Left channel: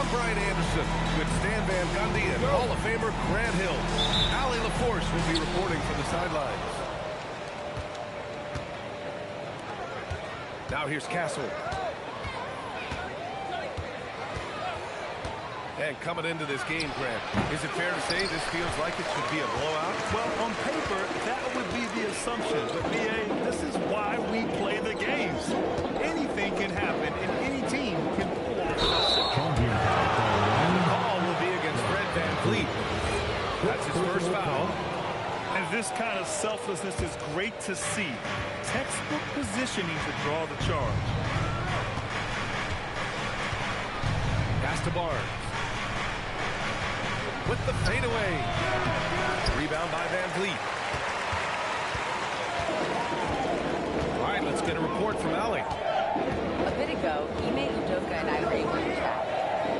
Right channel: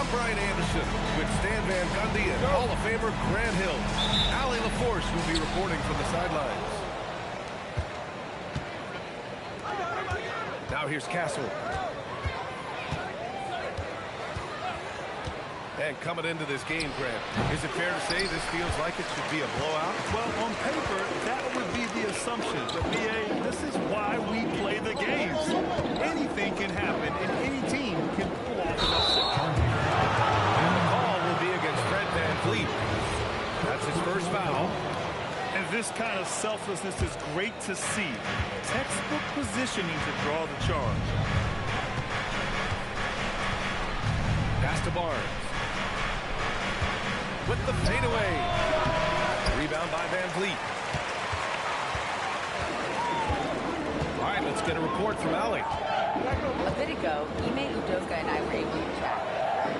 I'm Brian Anderson with Stan Van Gundy and Hall of Famer Grant Hill. Allie LaForce will be reporting from the sidelines. Now here's Castle. And coming into this game, Grant, is it fair to say this feels like it should be a blowout? Well, on paper, that would be the assumption. But, B.A., this is why we play the games. Anything can happen, and any team can pull off an upset. And the call will be against Fred VanVleet. That's his first foul. And this kind of selflessness is great to see. Textbook positioning to draw the charge. Pass to Barnes. With the fadeaway. Rebound by VanVleet. All right, let's get a report from Allie. A bit ago, Ime Udoka and I were able to chat.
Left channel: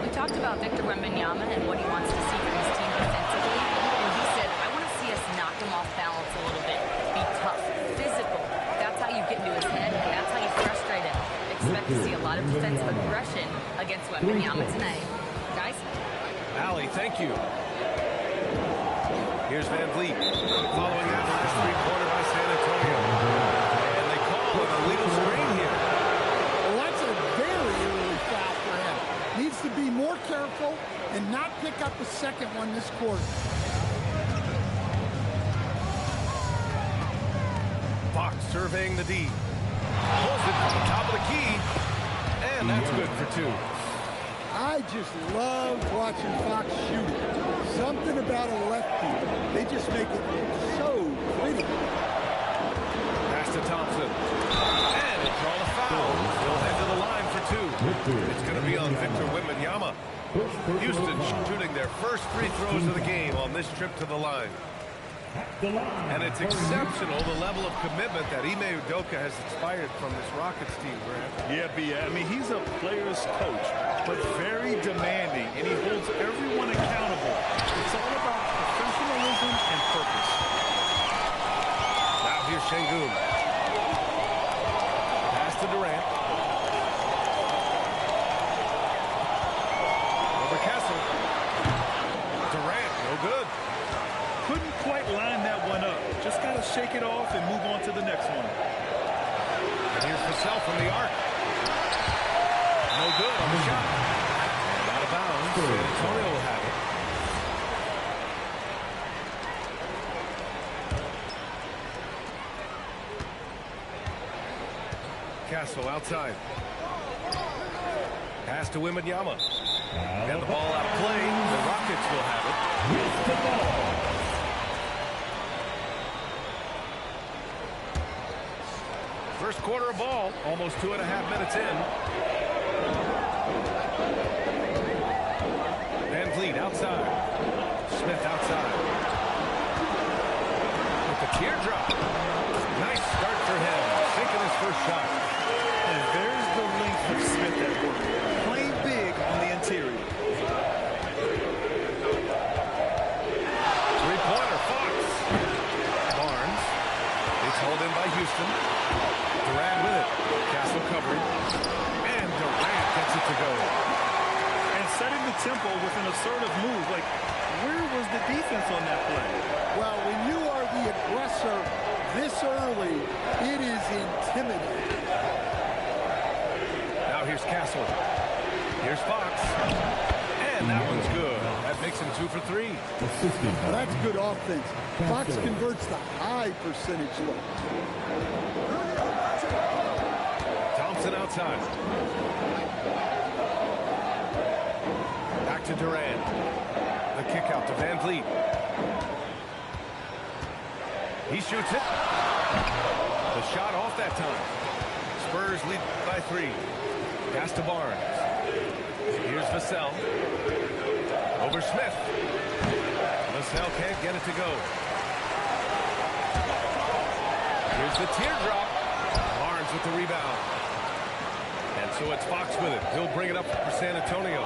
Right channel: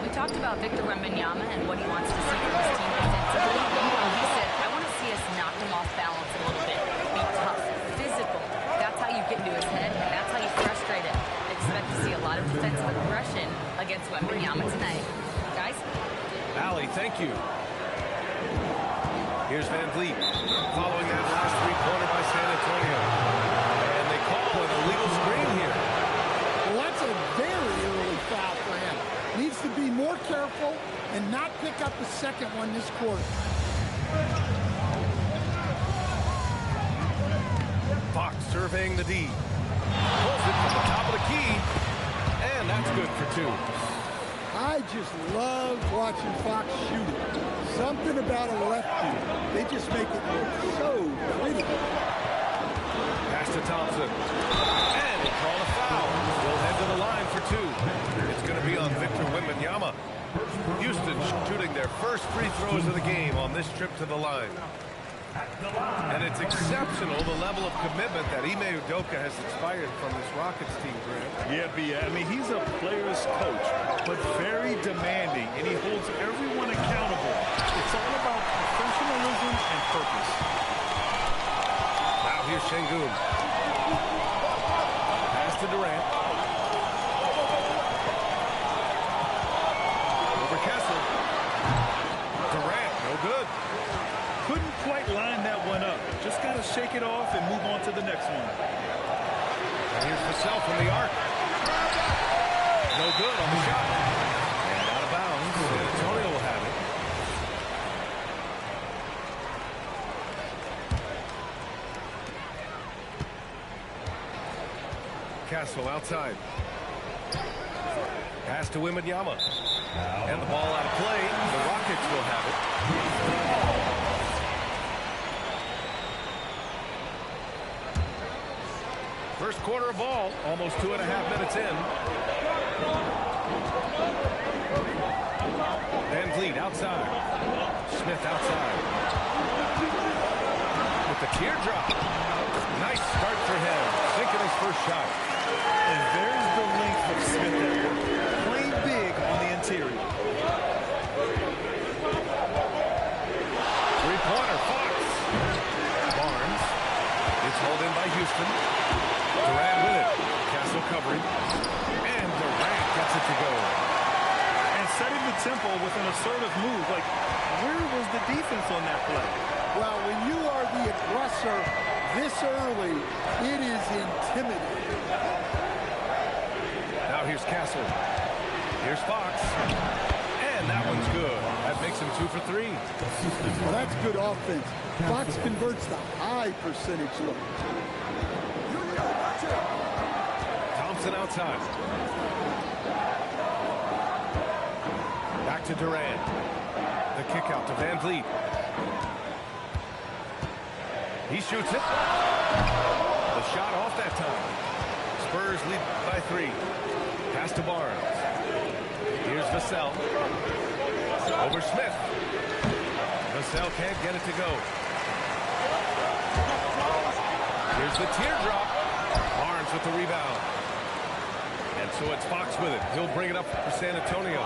We talked about Victor Wembanyama and what he wants to see from his team defensively, and he said, I want to see us knock him off balance a little bit. Be tough, physical. That's how you get into his head, and that's how you frustrate him. Expect to see a lot of defensive aggression against Wembanyama tonight. Guys? Allie, thank you. Here's VanVleet following that last three-pointer by San Antonio. And they call an illegal screen here. Well, that's a very early foul for him. Needs to be more careful and not pick up a second one this quarter. Fox surveying the D. Pulls it from the top of the key. And that's good for two. I just love watching Fox shoot it. Something about a lefty. They just make it look so pretty. Pass to Thompson. And he'll draw the foul. He'll head to the line for two. It's going to be on Victor Wembanyama. Houston shooting their first free throws of the game on this trip to the line. And it's exceptional, the level of commitment that Ime Udoka has inspired from this Rockets team, Grant. Yeah, B.A. I mean, he's a player's coach, but very demanding, and he holds everyone accountable. It's all about professionalism and purpose. Now here's Şengün. Pass to Durant. Over Kessel. Durant, no good. Couldn't quite line that one up. Just got to shake it off and move on to the next one. And here's Vassell from the arc. No good on the shot. And out of bounds. San Antonio will have it. Castle outside. Pass to Wembanyama. And the ball out of play. The Rockets will have it. First quarter of ball, almost 2.5 minutes in. VanVleet outside. Smith outside. With the teardrop. Nice start for him. Sinking his first shot. And there's the length of Smith at work. Playing big on the interior. Three-pointer, Fox. Barnes. It's hauled in by Houston. Durant with it. Castle covering. And Durant gets it to go. And setting the tempo with an assertive move. Like, where was the defense on that play? Well, when you are the aggressor this early, it is intimidating. Now here's Castle. Here's Fox. And that one's good. That makes him 2 for 3. Well, that's good offense. Fox converts the high percentage look. Thompson outside. Back to Durant. The kick out to VanVleet. He shoots it. The shot off that time. Spurs lead by 3. Pass to Barnes. Here's Vassell. Over Smith. Vassell can't get it to go. Here's the teardrop. Barnes with the rebound. And so it's Fox with it. He'll bring it up for San Antonio.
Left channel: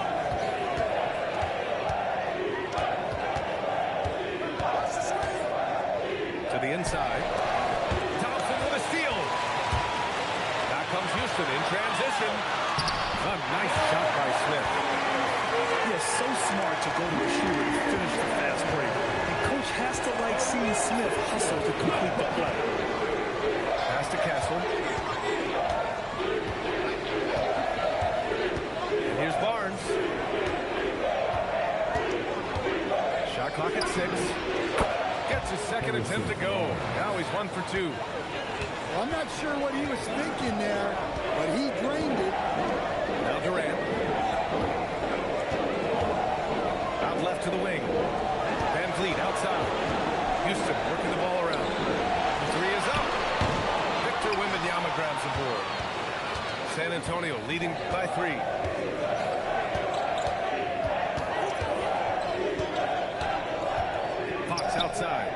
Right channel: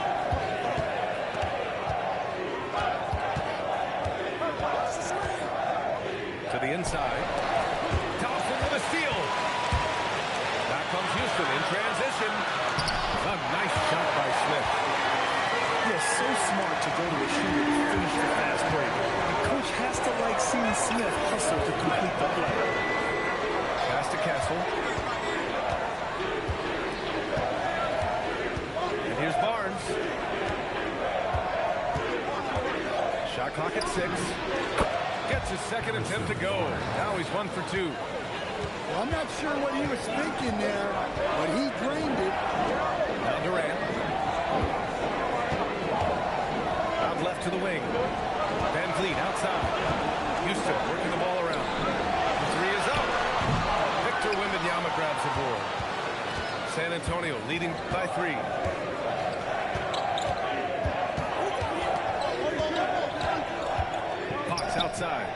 To the inside. Thompson with a steal. Back comes Houston in transition. A nice shot by Smith. Yeah, so smart to go to a shooter to finish the fast break. And coach has to like seeing Smith hustle to complete the play. Pass to Castle. And here's Barnes. Shot clock at 6. Gets his second attempt to go. Now he's 1 for 2. Well, I'm not sure what he was thinking there, but he drained it. Now Durant. Out left to the wing. Van Vliet outside. Houston working the ball around. The 3 is up. Victor Wembanyama grabs the board. San Antonio leading by 3. Fox outside.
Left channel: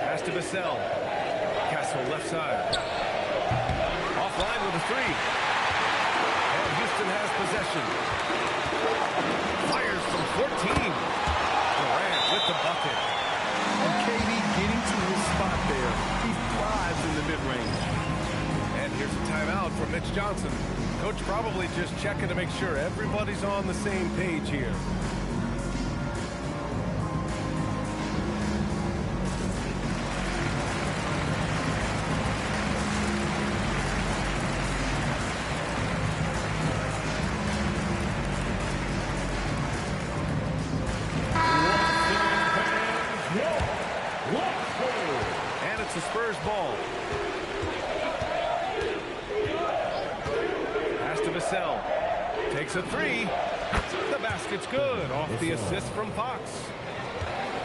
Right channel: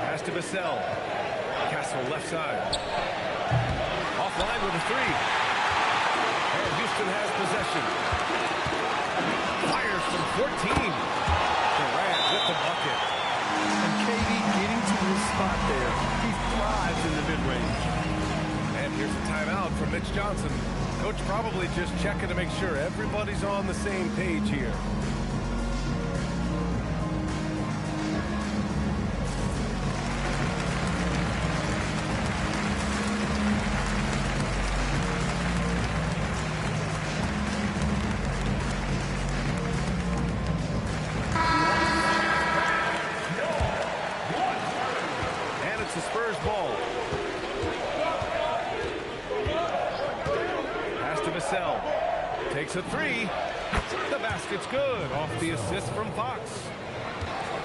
Pass to Vassell. Castle left side. Offline with a 3. And Houston has possession. Fires from 14. Durant with the bucket. And KD getting to his spot there. He thrives in the mid-range. And here's a timeout from Mitch Johnson. Coach probably just checking to make sure everybody's on the same page here. The Spurs ball. Pass to Vassell. Takes a 3. The basket's good. Off the assist from Fox.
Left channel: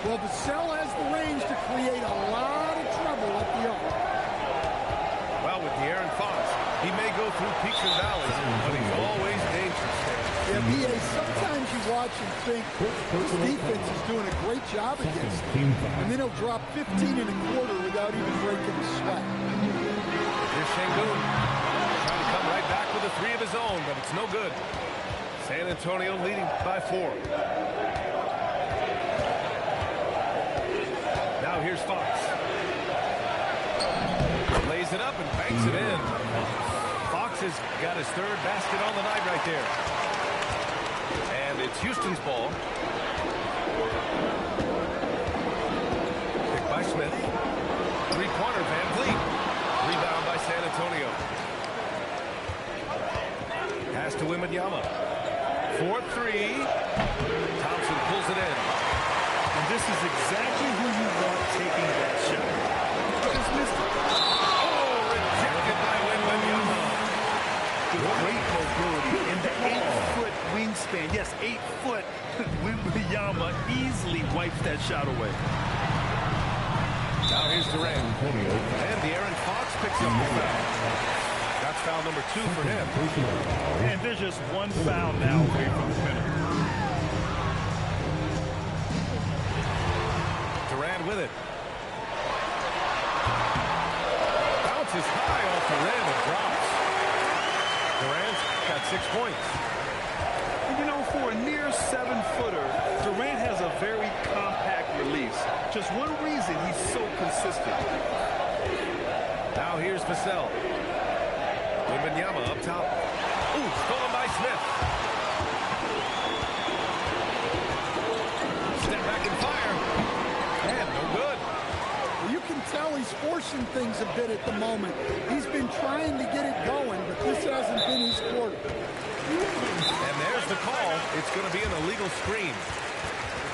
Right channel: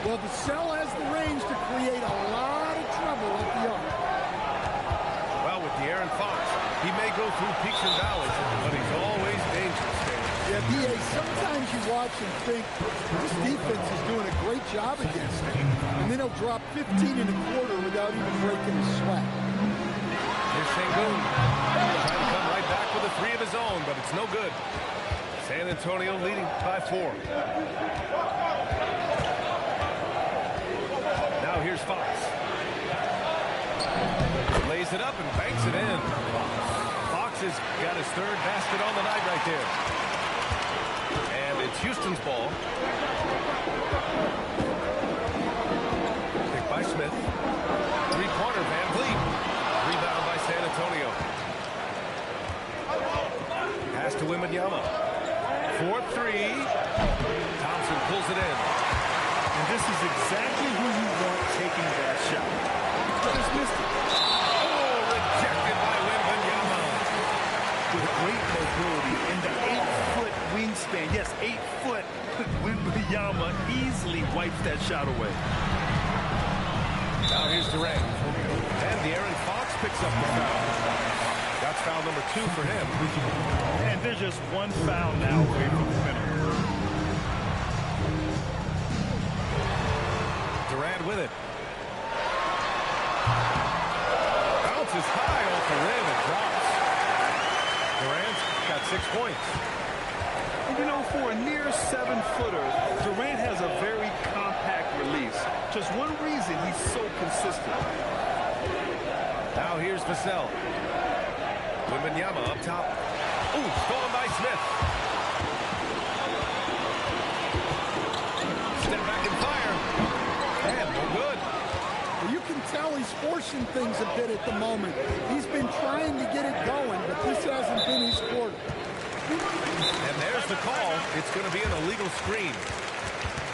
Well, Vassell has the range to create a lot of trouble at the arc. Well, with De'Aaron Fox, he may go through peaks and valleys, but he's always dangerous, Stan. Yeah, B.A., sometimes you watch and think this defense is doing a great job against him. And then he'll drop 15 and a quarter without even breaking a sweat. Here's Şengün. Trying to come right back with a 3 of his own, but it's no good. San Antonio leading by 4. Now here's Fox. Lays it up and banks it in. Fox has got his 3rd basket on the night right there. And it's Houston's ball. Picked by Smith. 3-pointer, Van Vliet. Rebound by San Antonio. Pass to Wembanyama. 4-3. Thompson pulls it in. And this is exactly who you want taking that shot. Just missed it. Rejected by Wembanyama. With great mobility and the 8-foot wingspan. Yes, 8 foot. Wembanyama easily wipes that shot away. Now here's Durant. And De'Aaron Fox picks up the foul. That's foul number 2 for him. And there's just one foul now away from the penalty. Durant with it. Bounces high off the rim and drops. Durant's got 6 points. And you know, for a near 7-footer, Durant has a very compact release. Just one reason he's so consistent. Now here's Vassell. Wembanyama up top. Ooh, stolen by Smith. Step back and fire. And no good. Well, you can tell he's forcing things a bit at the moment. He's been trying to get it going, but this hasn't been his quarter. And there's the call. It's going to be an illegal screen.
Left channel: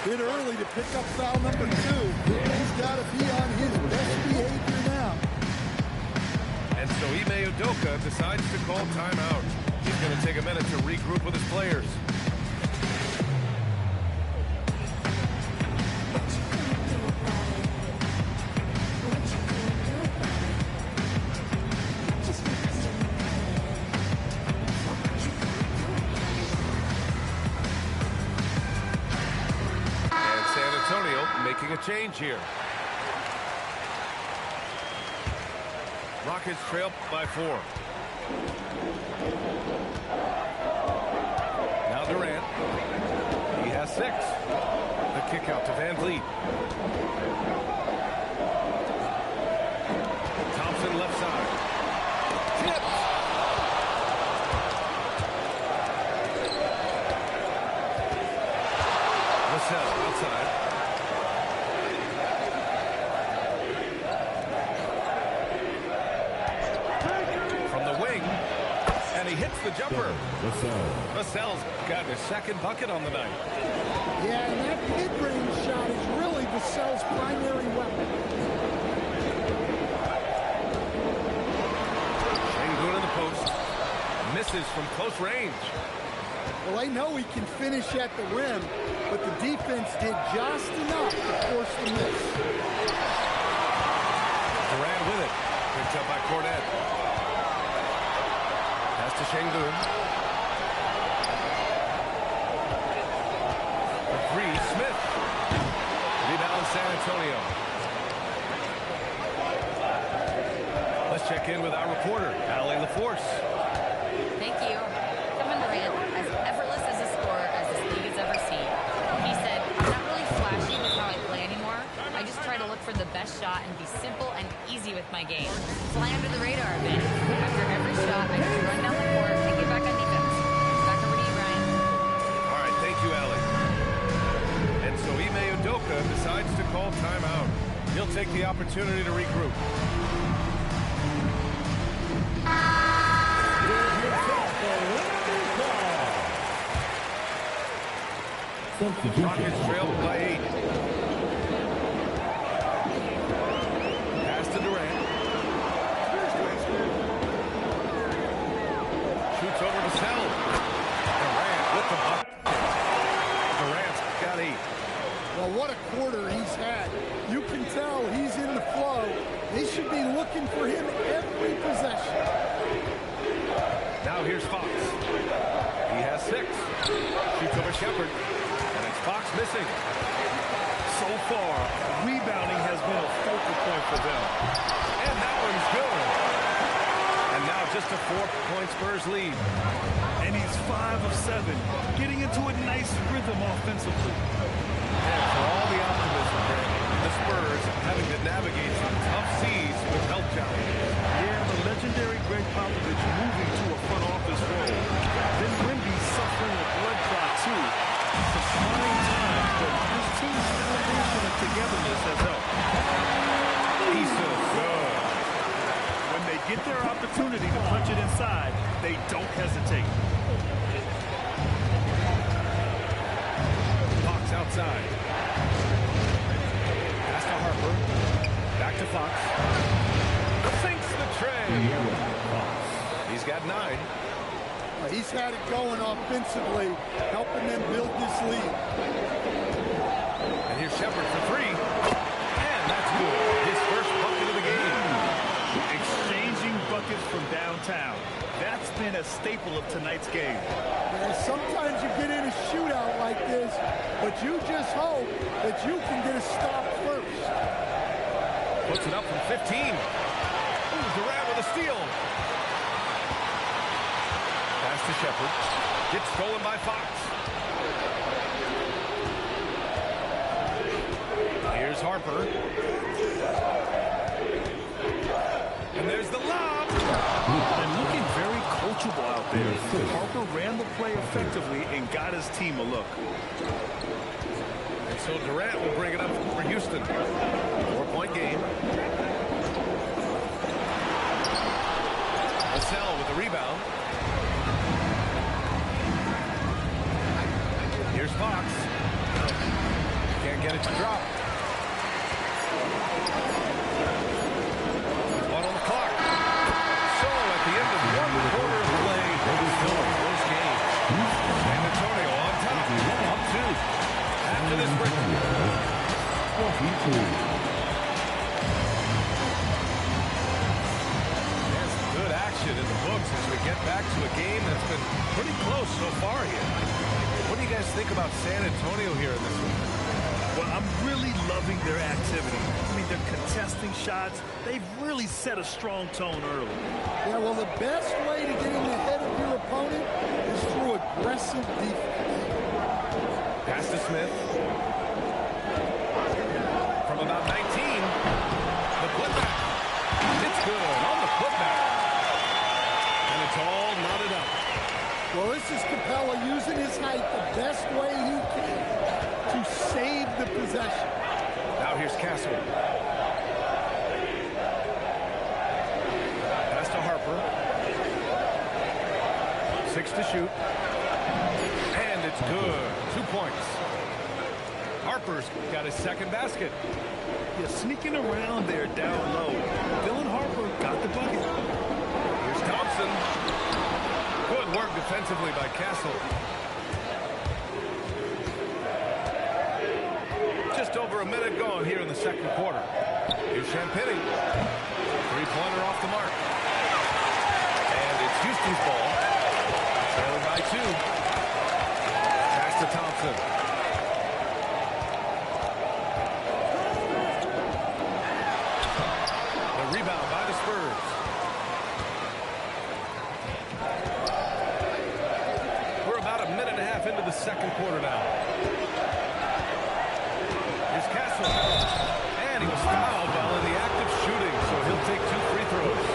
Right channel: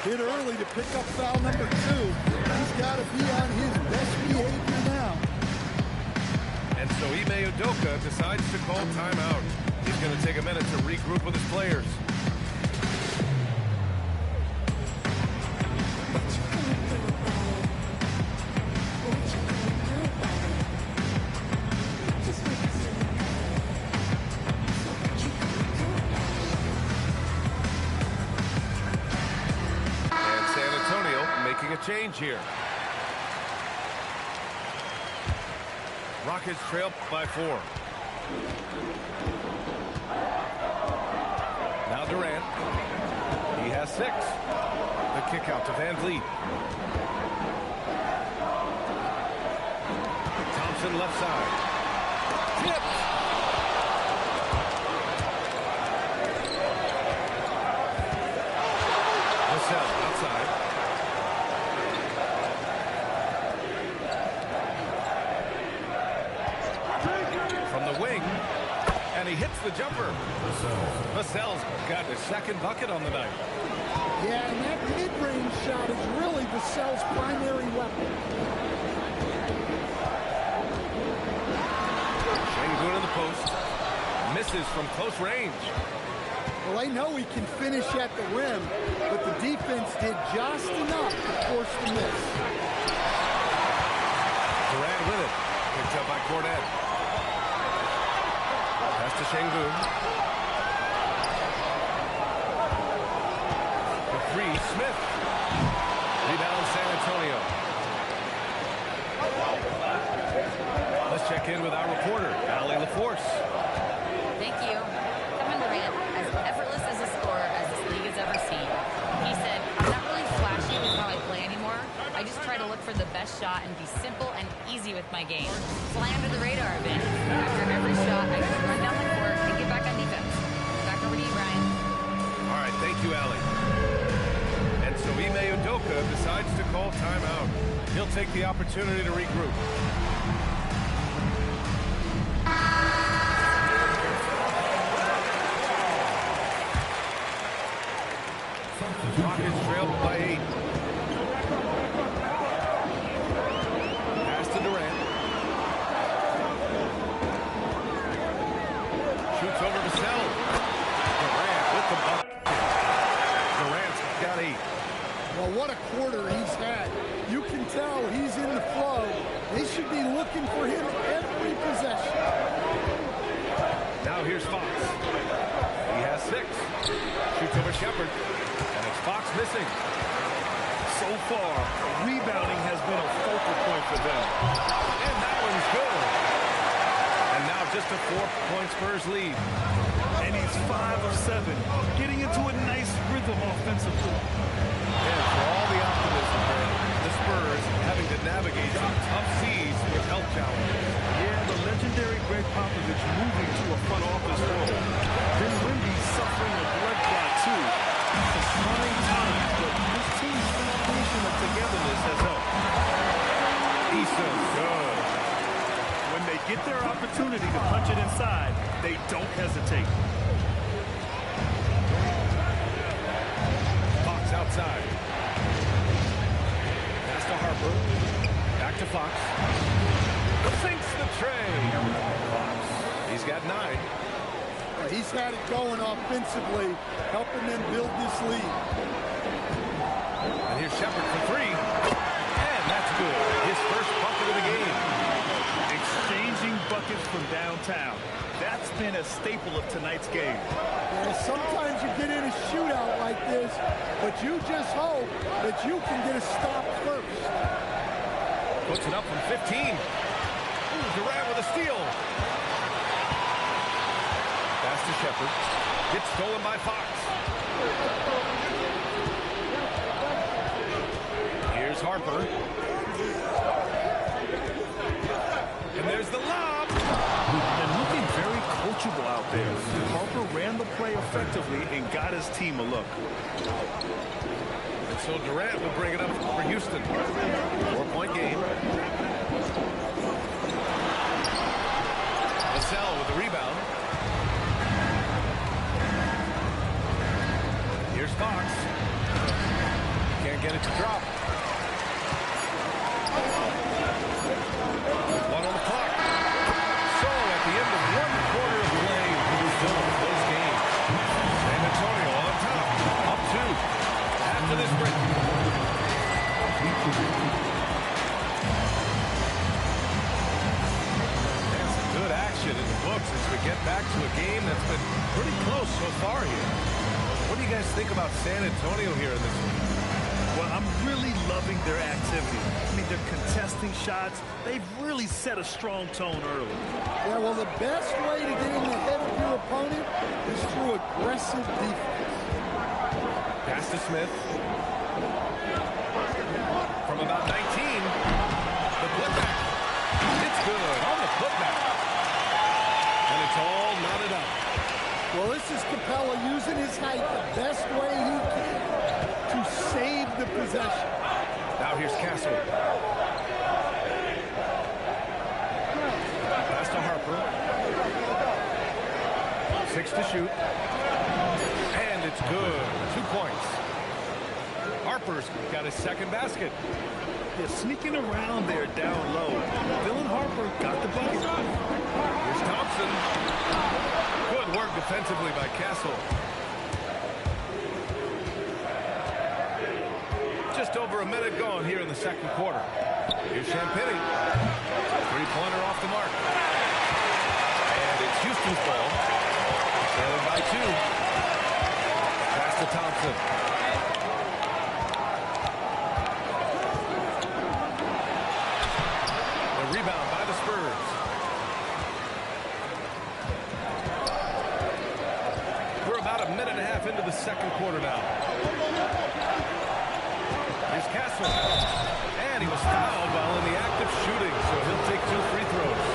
A bit early to pick up foul number 2. He's got to be on his best behavior now. And so Ime Udoka decides to call timeout. He's going to take a minute to regroup with his players. And San Antonio making a change here. Rockets trail by 4. Now Durant. He has 6. The kick out to Van Vliet. Thompson left side. Tipped. Vassell outside. From the wing. And he hits the jumper. Vassell's got his second bucket on the night. Yeah, and that mid-range shot is really Vassell's primary weapon. Şengün in the post. Misses from close range. Well, I know he can finish at the rim, but the defense did just enough to force the miss. Durant with it. Picked up by Cornet. Pass to Şengün. For three, Smith. Rebound San Antonio. Let's check in with our reporter, Allie LaForce. Thank you. Kevin Durant, as effortless as a scorer as this league has ever seen. He said, I'm not really flashy with how I play anymore. I just try to look for the best shot and be simple and easy with my game. Fly under the radar a bit. After every shot, I just run down the court and get back on defense. Back over to you, Brian. All right, thank you, Allie. And so Ime Udoka decides to call timeout. He'll take the opportunity to regroup. Rockets trailed by 8. Pass to Durant. Shoots over Vassell. Durant with the bucket. Durant's got 8. Well, what a quarter he's had. You can tell he's in the flow. They should be looking for him every possession. Now here's Fox. He has 6. Shoots over Shepard. And it's Fox missing. So far, rebounding has been a focal point for them. And that one's good. And now just a 4-point Spurs lead. And he's 5 of 7, getting into a nice rhythm offensively. And for all the optimism, Brent, the Spurs having to navigate some tough seas with health challenges. Yeah, the legendary Greg Popovich moving to a front office role. Then Wemby suffering a blood clot, too. Some trying times, but this team's foundation of togetherness has helped. Issa good. When they get their opportunity to punch it inside, they don't hesitate. Fox outside. Pass to Harper. Back to Fox. Sinks the tray. Fox. He's got 9. He's had it going offensively, helping them build this lead. And here's Shepard for 3. And that's good. His first bucket of the game. Exchanging buckets from downtown. That's been a staple of tonight's game. Yeah, sometimes you get in a shootout like this, but you just hope that you can get a stop first. Puts it up from 15. Ooh, Durant with a steal. Pass to Shepard. Gets stolen by Fox. Here's Harper. And there's the lob. And looking very coachable out there. Harper ran the play effectively and got his team a look. And so Durant will bring it up for Houston. 4-point game. Vassell with the rebound. Here's Fox. Can't get it to drop. With 1 on the clock. So at the end of 1 quarter of play, it's still a close game. San Antonio on top. Up 2. After this break. There's some good action in the books as we get back to a game that's been pretty close so far here. What do you guys think about San Antonio here in this one? Well, I'm really loving their activity. I mean, they're contesting shots. They've really set a strong tone early. Yeah, well, the best way to get in the head of your opponent is through aggressive defense. Pass to Smith. From about 19. The putback. It's good on the putback. And it's all knotted up. Well, this is Capella using his height the best way he can to save the possession. Now here's Castle. Pass to Harper. 6 to shoot. And it's good. 2 points. Harper's got his second basket. Yeah, sneaking around there down low. Dylan Harper got the bucket. Here's Thompson. Good work defensively by Castle. Just over a minute gone here in the second quarter. Here's Champagny. Three-pointer off the mark. And it's Houston's ball. Trailing by 2. Pass to Thompson. The rebound by the Spurs. We're about a minute and a half into the second quarter now. Here's Castle. And he was fouled while in the act of shooting, so he'll take 2 free throws.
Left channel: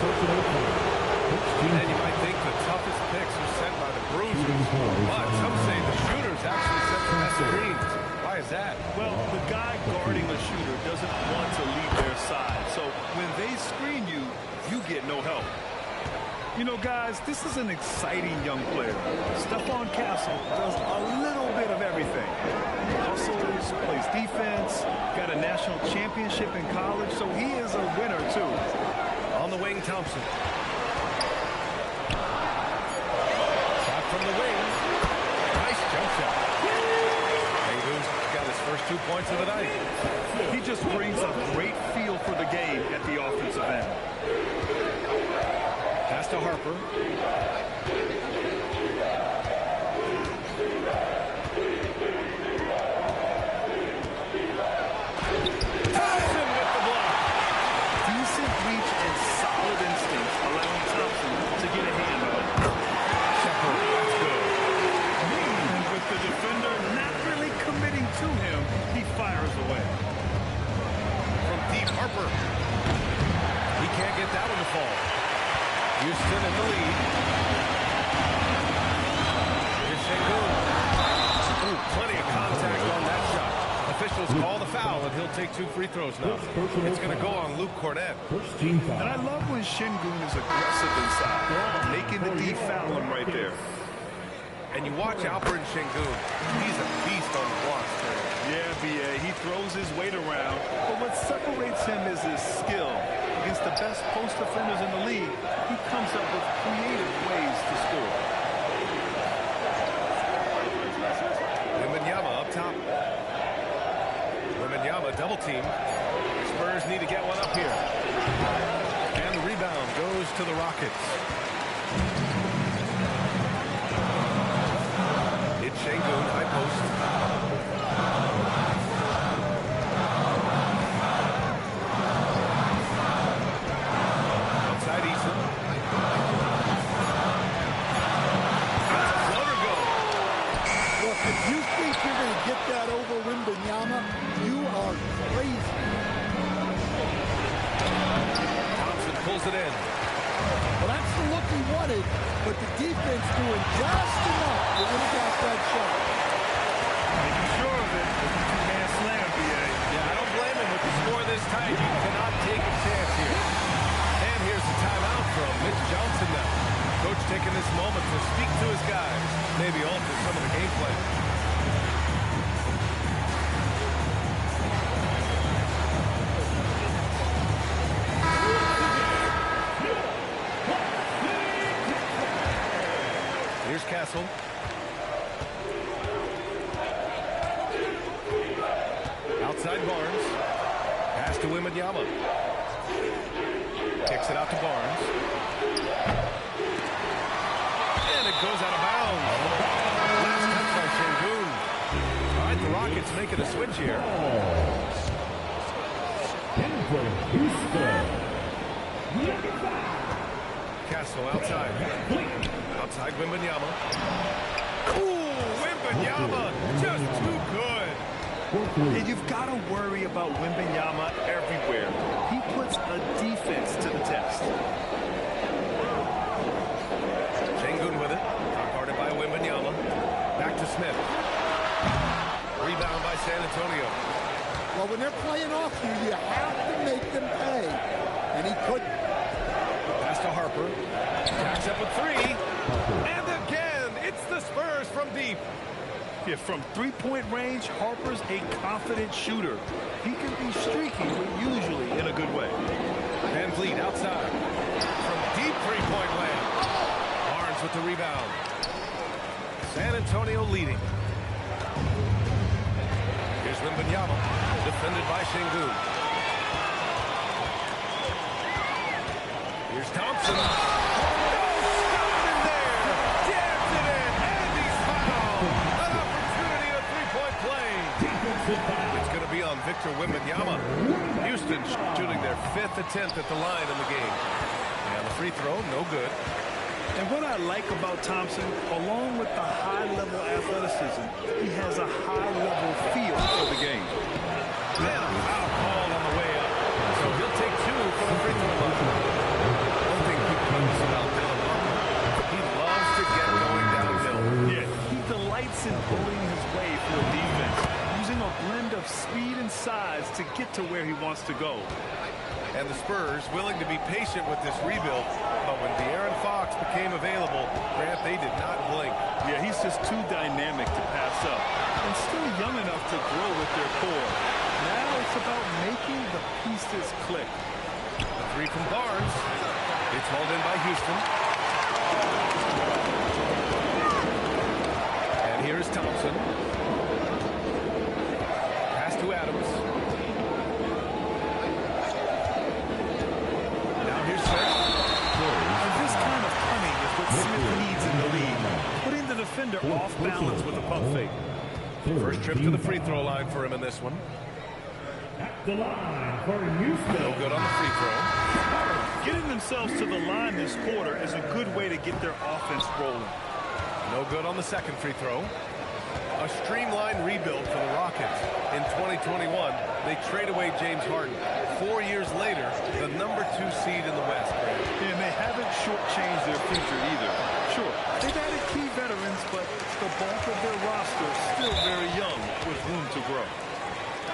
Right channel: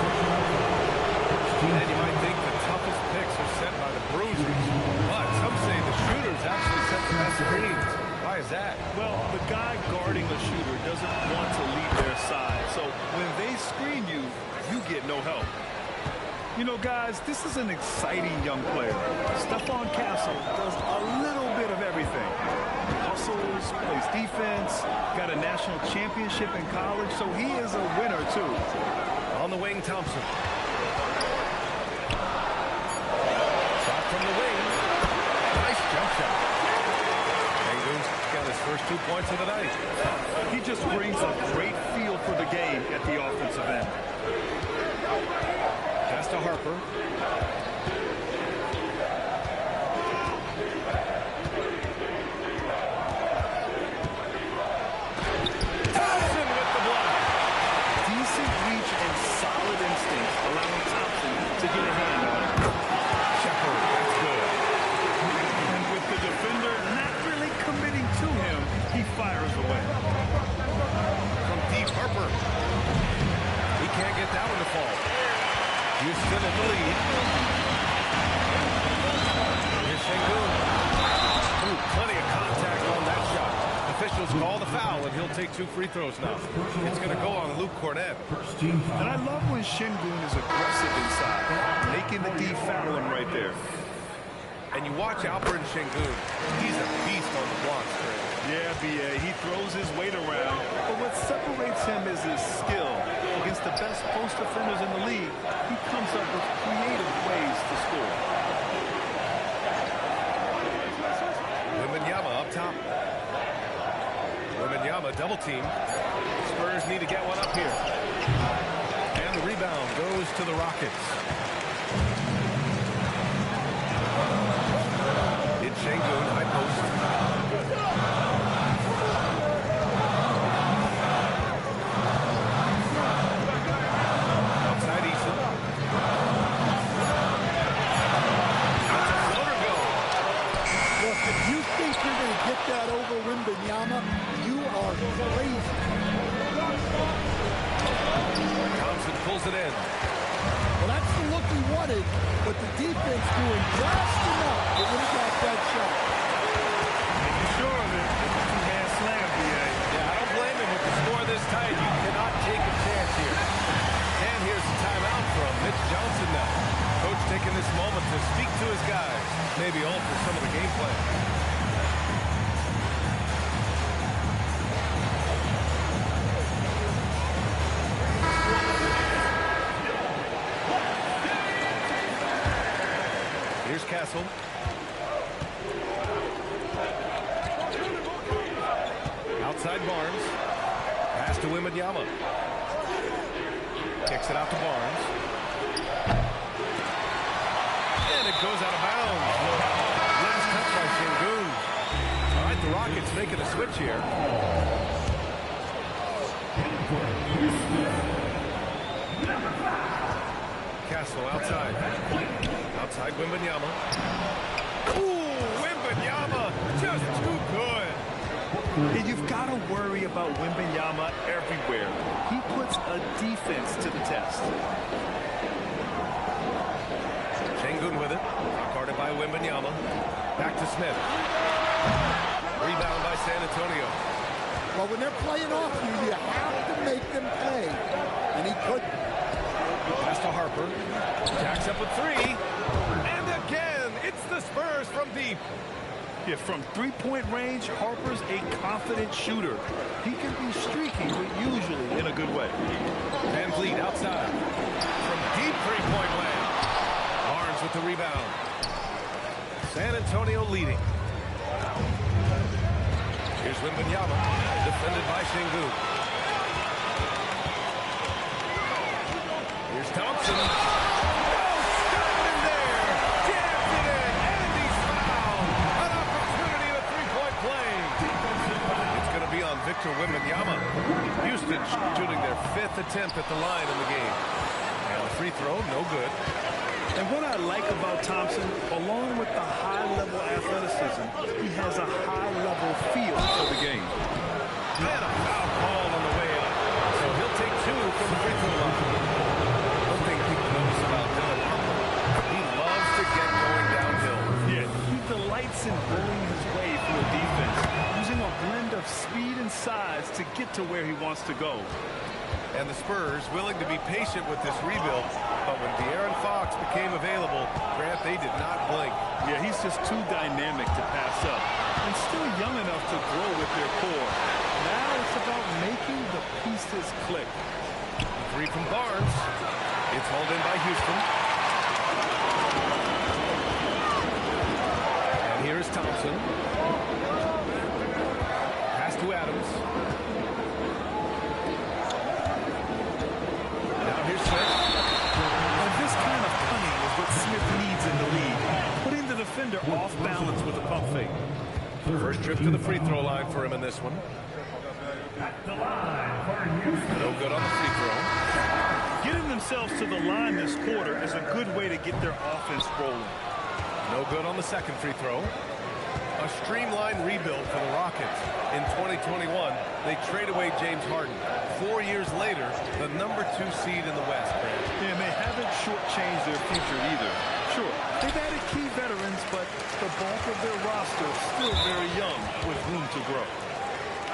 And you might think the toughest picks are sent by the bruisers, but some say the shooters actually set the best screens. Why is that? Well, the guy guarding a shooter doesn't want to leave their side, so when they screen you, you get no help. You know, guys, this is an exciting young player. Stephon Castle does a little bit of everything. Hustles, plays defense, got a national championship in college, so he is a winner, too. On the wing, Thompson. Shot from the wing. Nice jump shot. Sengun's got his first 2 points of the night. He just brings a great feel for the game at the offensive end. Pass to Harper. Thompson with the block. Decent reach and solid instincts, allowing Thompson to get a hand on it. Shepard, that's good. And with the defender not really committing to him, he fires away. From deep, Harper. He can't get that one to fall. Houston in the lead. Here's Sengun. Ooh, plenty of contact on that shot. Officials call the foul, and he'll take 2 free throws now. It's going to go on Luke Cornett. And I love when Sengun is aggressive inside, making the D foul him right there. And you watch Alperen Sengun. He's a beast on the block string. Yeah, B.A., he throws his weight around, but what separates him is his skill. Against the best post defenders in the league, he comes up with creative ways to score. Wembanyama up top. Wembanyama double team. Spurs need to get one up here. And the rebound goes to the Rockets. It's Sengun, high post. Outside Eason. That's a floater go. Look, if you think you're going to get that over Wembanyama, you are crazy. Thompson pulls it in. Well, that's the look he wanted, but the defense doing just enough to impact that shot. Making sure of it with the two-man slam, B.A. Yeah, I don't blame him with the score this tight. You cannot take a chance here. And here's the timeout from Mitch Johnson now. Coach taking this moment to speak to his guys, maybe alter some of the game plan. Here's Castle. Outside Barnes. Pass to Wembanyama. Kicks it out to Barnes. And it goes out of bounds. Last touch by Sengun. All right, the Rockets making a switch here. Castle outside. Outside Wembanyama. Ooh, Wembanyama, just too good. And you've got to worry about Wembanyama everywhere. He puts a defense to the test. Sengun with it. Front court Guarded by Wembanyama. Back to Smith. Rebound by San Antonio. Well, when they're playing off you, you have to make them pay. And he couldn't. Pass to Harper. Jacks up a three. And again, it's the Spurs from deep. Yeah, from three-point range, Harper's a confident shooter. He can be streaky, but usually in a good way. Van Vliet outside. From deep three-point land. Barnes with the rebound. San Antonio leading. Here's Wembanyama, defended by Şengün. Here's Thompson. No, stop in there. Jams it in, and he's fouled. An opportunity at a three-point play. It's going to be on Victor Wembanyama. Houston shooting their 5th attempt at the line in the game. And the free throw, no good. And what I like about Thompson, along with the high-level athleticism, he has a high-level feel for the game. And a foul called on the way up. So he'll take 2 from the free throw line. One thing people notice about Dylan Harper, he loves to get going downhill. Yeah, he delights in bullying his way through a defense, using a blend of speed and size to get to where he wants to go. And the Spurs willing to be patient with this rebuild, but when De'Aaron Fox became available, Grant, they did not blink. Yeah, he's just too dynamic to pass up, and still young enough to grow with their core. Now it's about making the pieces click. The three from Barnes. It's hauled in by Houston. And here is Thompson. Pass to Adams. Now here's Smith. And this kind of cunning is what Smith needs in the league, putting the defender off balance with a pump fake. First trip to the free throw line for him in this one. At the line for Usda. No good on the free throw. Getting themselves to the line this quarter is a good way to get their offense rolling. No good on the second free throw. A streamlined rebuild for the Rockets. In 2021, they trade away James Harden. 4 years later, the number 2 seed in the West, Grant. And they haven't shortchanged their future either. Sure, they've added key veterans, but the bulk of their roster is still very young with room to grow.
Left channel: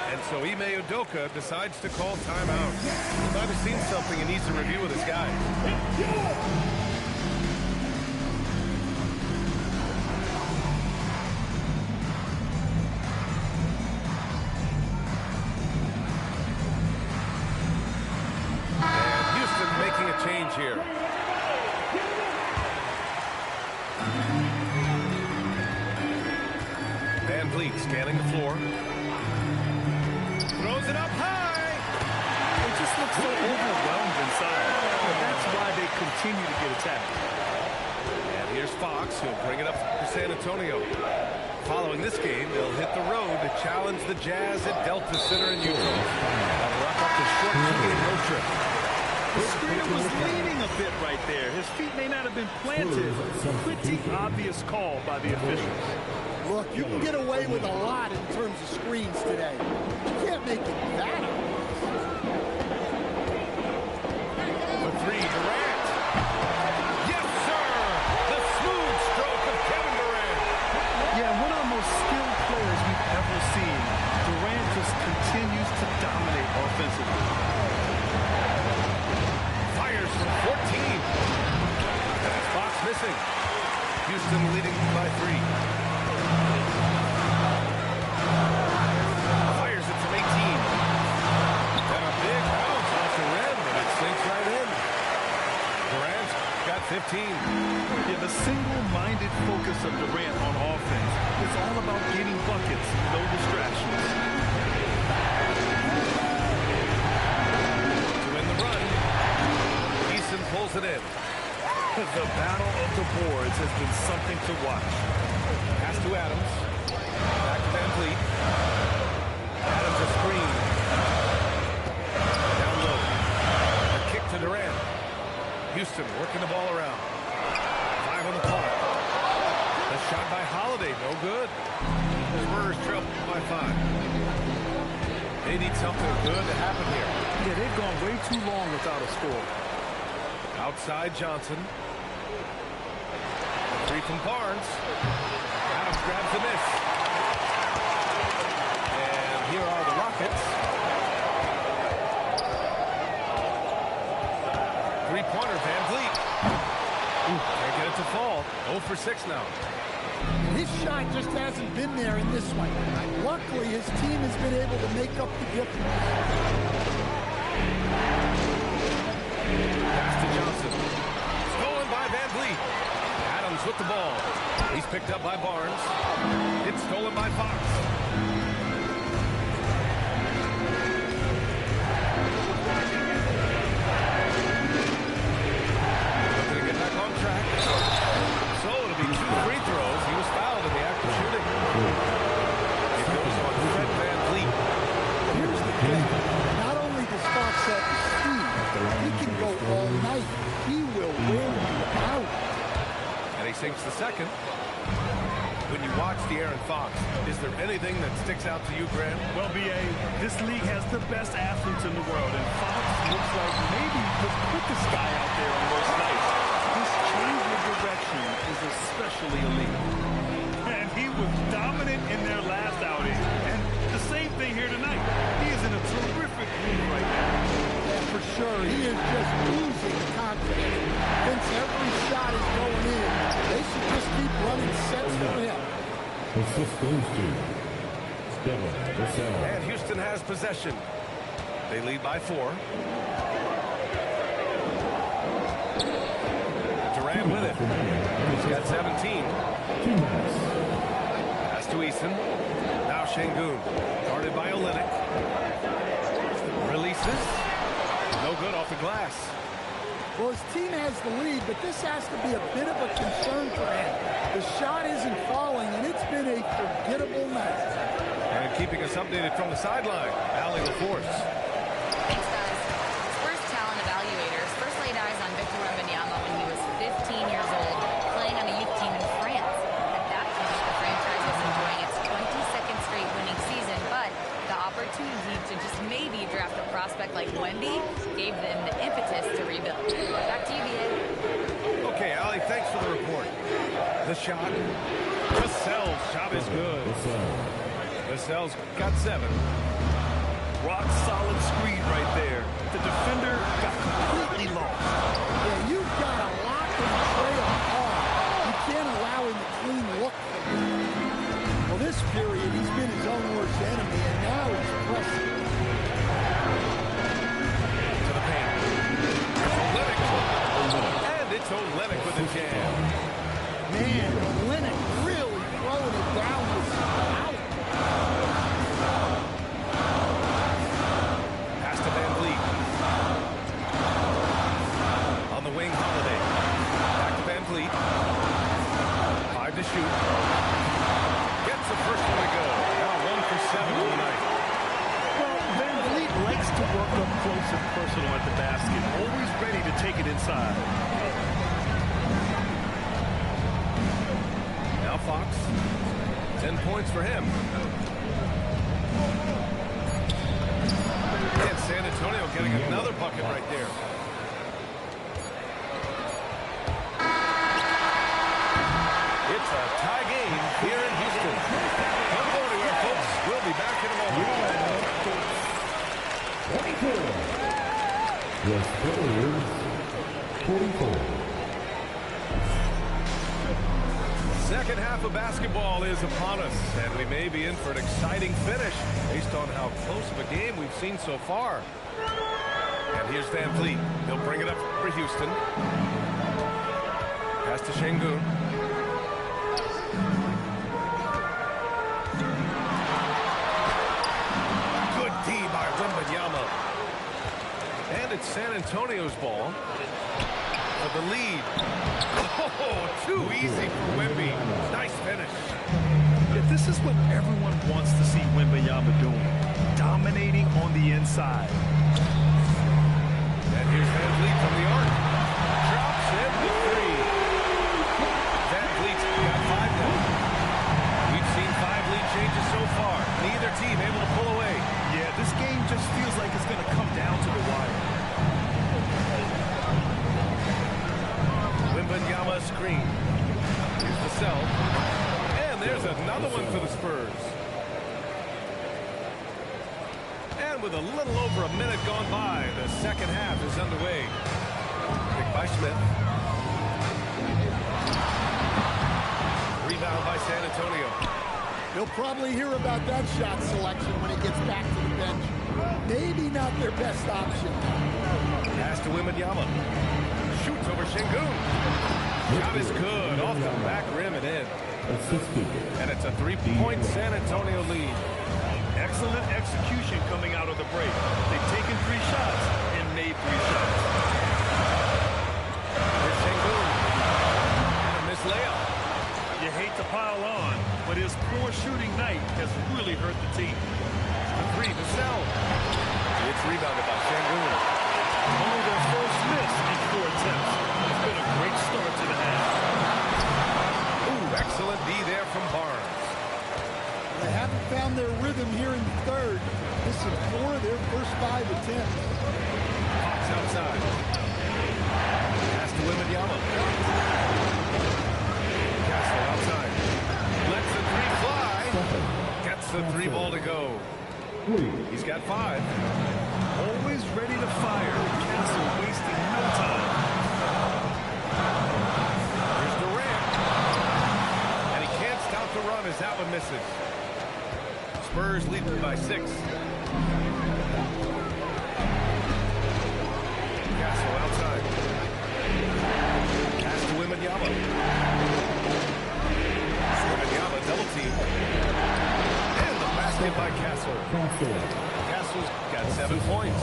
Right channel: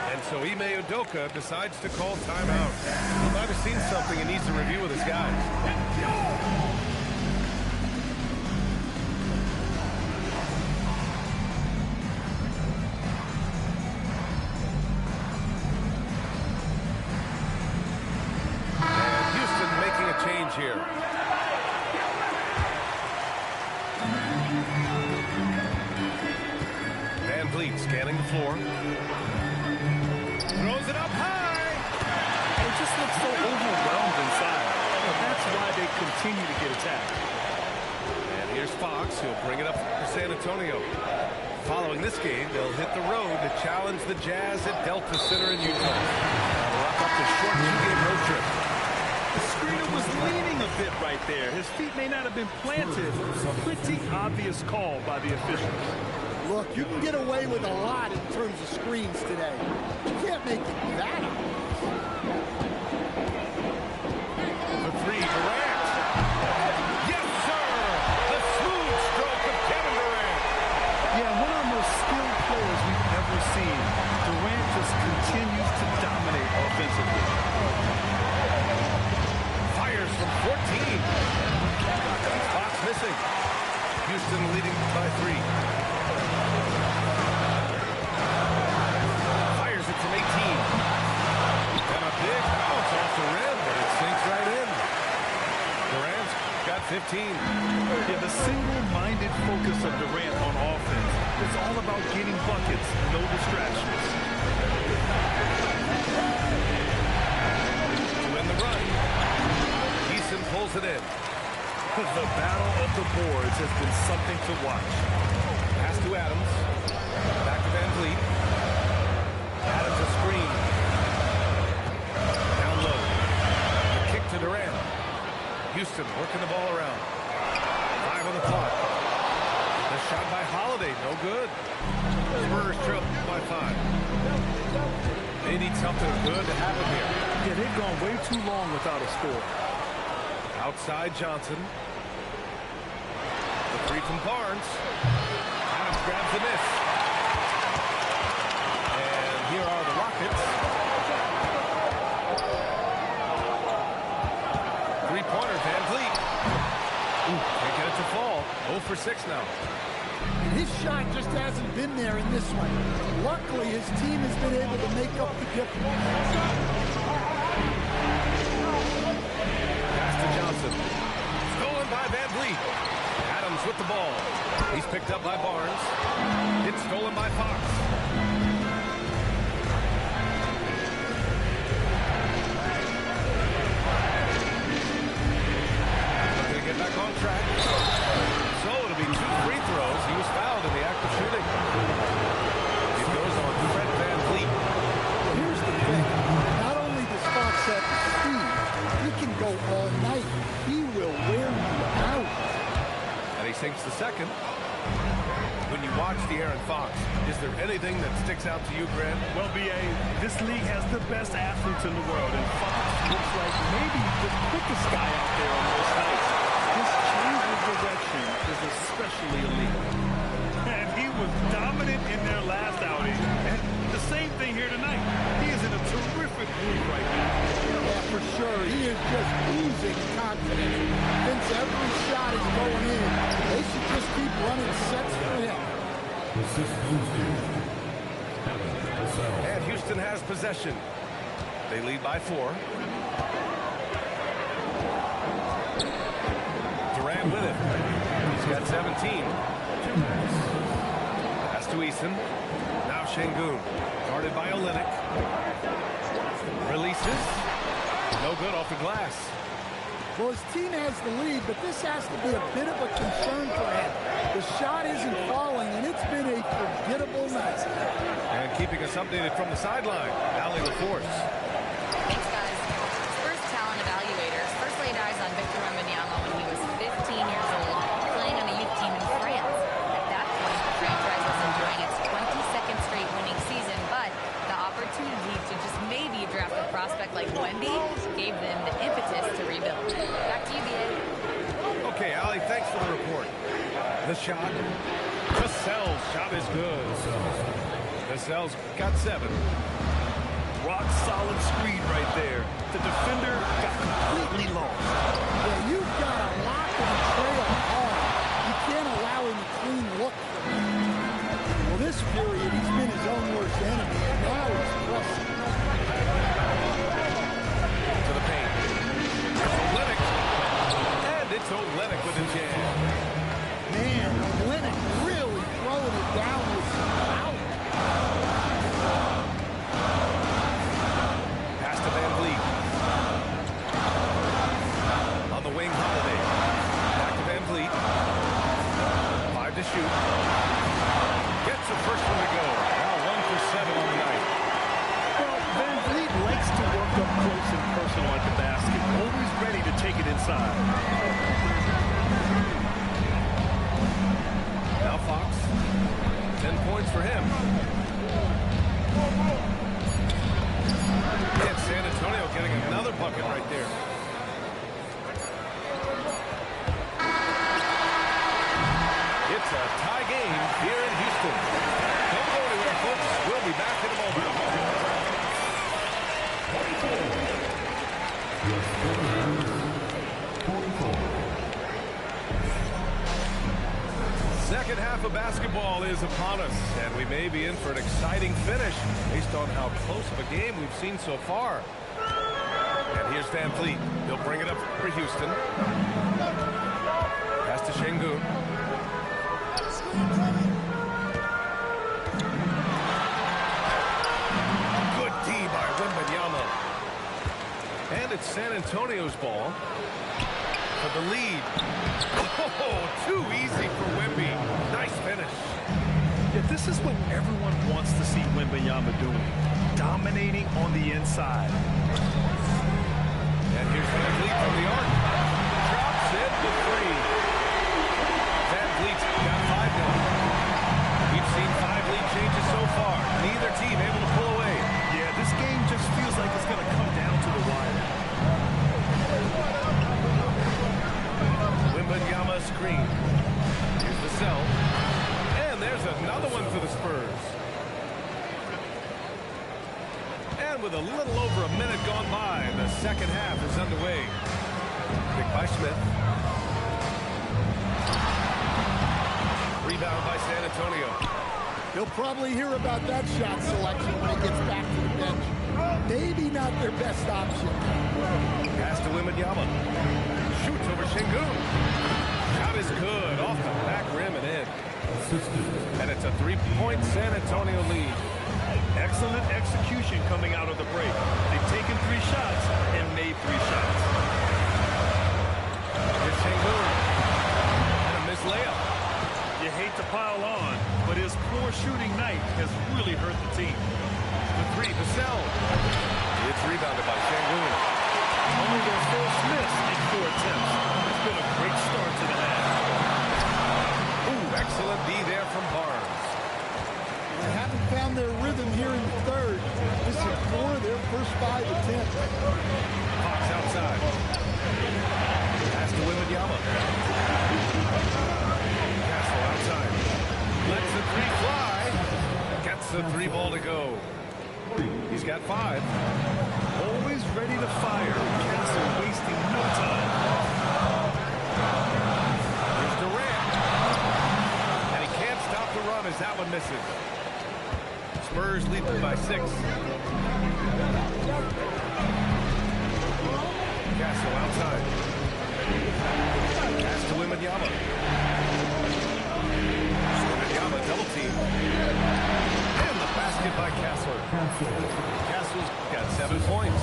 And so Ime Udoka decides to call timeout. He might have seen something and needs to review with his guys. And Houston making a change here. Van Vliet scanning the floor. Throws it up high. They just look so overwhelmed inside. Well, that's why they continue to get attacked. And here's Fox. He'll bring it up for San Antonio. Following this game, they'll hit the road to challenge the Jazz at Delta Center in Utah. That'll wrap up the short 2-game road trip. The screener was leaning a bit right there. His feet may not have been planted. Pretty obvious call by the officials. Look, you can get away with a lot in terms of screens today. You can't make it that obvious. The three, Durant. Yes, sir! The smooth stroke of Kevin Durant. Yeah, one of the most skilled players we've ever seen. Durant just continues to dominate offensively. Fires from 14. And it's Fox missing. Houston leading by 3. Fires it from 18. And a big bounce off the rim, but it sinks right in. Durant's got 15. Yeah, the single-minded focus of Durant on offense is all about getting buckets, no distractions. To win the run, Eason pulls it in. The battle of the boards has been something to watch. Pass to Adams. Back to Van Vliet. Adams a screen. Down low. A kick to Durant. Houston working the ball around. 5 on the clock. The shot by Holiday, no good. Spurs trail by 5. They need something good to happen here. Yeah, they've gone way too long without a score. Outside Johnson. The Three from Barnes. Adams grabs the miss. And here are the Rockets. Three-pointer, Van Vliet. Can't get it to fall. 0 for 6 now. And his shot just hasn't been there in this one. Luckily, his team has been able to make up the difference. Pass to Johnson. Stolen by Van Vliet. Adams with the ball. He's picked up by Barnes. It's stolen by Fox. Looking to get back on track. So it'll be 2 free throws. He was fouled in the act of shooting. It goes on Fred Van Vliet. Here's the thing. Not only does Fox have the speed, he can go all night. He will wear you out. And he sinks the second. When you watch De'Aaron Fox, is there anything that sticks out to you, Grant? Well, B.A., this league has the best athletes in the world, and Fox looks like maybe the quickest guy out there on most nights. His change of direction is especially elite. And he was dominant in their last outing. And the same thing here tonight. He is in a terrific mood right now. Yeah, for sure. He is just oozing confidence. Thinks every shot is going in. They should just keep running sets for him. Assist goes to Stella, the 7. And Houston has possession. They lead by 4. Durant with it. He's got 17. 2 minutes. Pass to Eason. Now Şengün. Guarded by Olynyk. Releases. No good off the glass. Well, his team has the lead, but this has to be a bit of a concern for him. The shot isn't falling, and it's been a forgettable night. And keeping us updated from the sideline, Allie LaForce. Thanks, guys. Spurs talent evaluators first laid eyes on Victor Wembanyama when he was 15 years old, playing on a youth team in France. At that point, the franchise was enjoying its 22nd straight winning season, but the opportunity to just maybe draft a prospect like Wemby gave them the impetus to rebuild. Back to you, B.A. Okay, Allie, thanks for the report. The shot. Vassell's shot is good. Vassell's got 7. Rock solid screen right there. The defender got completely lost. Yeah, you've got to lock and trail hard. You can't allow him to clean look from you. Well, this period, he's been his own worst enemy, and now he's pressing. To the paint. Olynyk. And it's Olynyk with a jam. Man, Olynyk really throwing it down with some power. Pass to Van Vliet. On the wing, Holiday. Back to Van Vliet. 5 to shoot. Gets the first one to go. Now 1 for 7 on the night. Well, Van Vliet likes to work up close and personal at the basket, always ready to take it inside. Now Fox. 10 points for him. And San Antonio getting another bucket right there. It's a tie game here in Houston. Don't go anywhere, folks. We'll be back in a moment. 24. The Spurs, 44. Second half of basketball is upon us, and we may be in for an exciting finish based on how close of a game we've seen so far. And here's Van Vliet. He'll bring it up for Houston. Pass to Şengün. Good D by Wembanyama. And it's San Antonio's ball for the lead. Oh, too easy for Wemby. Nice finish. Yeah, this is what everyone wants to see Wembanyama doing. Dominating on the inside. And here's Van Vliet from the arc. Drops in the 3. Van Vliet's got 5 now. We've seen 5 lead changes so far. Neither team able to pull away. Yeah, this game just feels like it's going to come down to the wire. Wembanyama screen. Here's the sell. And there's another one for the Spurs. And with a little over a minute gone by, the second half is underway. Pick by Smith. Rebound by San Antonio. He'll probably hear about that shot selection when he gets back to the bench. Maybe not their best option. Pass to Wembanyama. Shoots over Şengün. Shot is good off the back rim and in. And it's a 3-point San Antonio lead. Excellent execution coming out of the break. They've taken 3 shots and made 3 shots. Here's Şengün. And a missed layup. You hate to pile on, but his poor shooting night has really hurt the team. The 3 to sell. It's rebounded by Şengün. Only their first miss in 4 attempts. It's been a great start to the half. Ooh, excellent D there from Barnes. Well, they haven't found their rhythm here in the third. Missing 4 of their first 5 attempts. Hawks outside. Pass to Wembanyama. Castle outside. Lets the 3 fly. Gets the 3 ball to go. He's got 5. Always ready to fire. Castle wasting no time. Here's Durant. And he can't stop the run as that one misses. Spurs lead by 6. Castle outside. Pass to Wembanyama. Wembanyama double team. And the basket by Castler. Castle's got 7 points.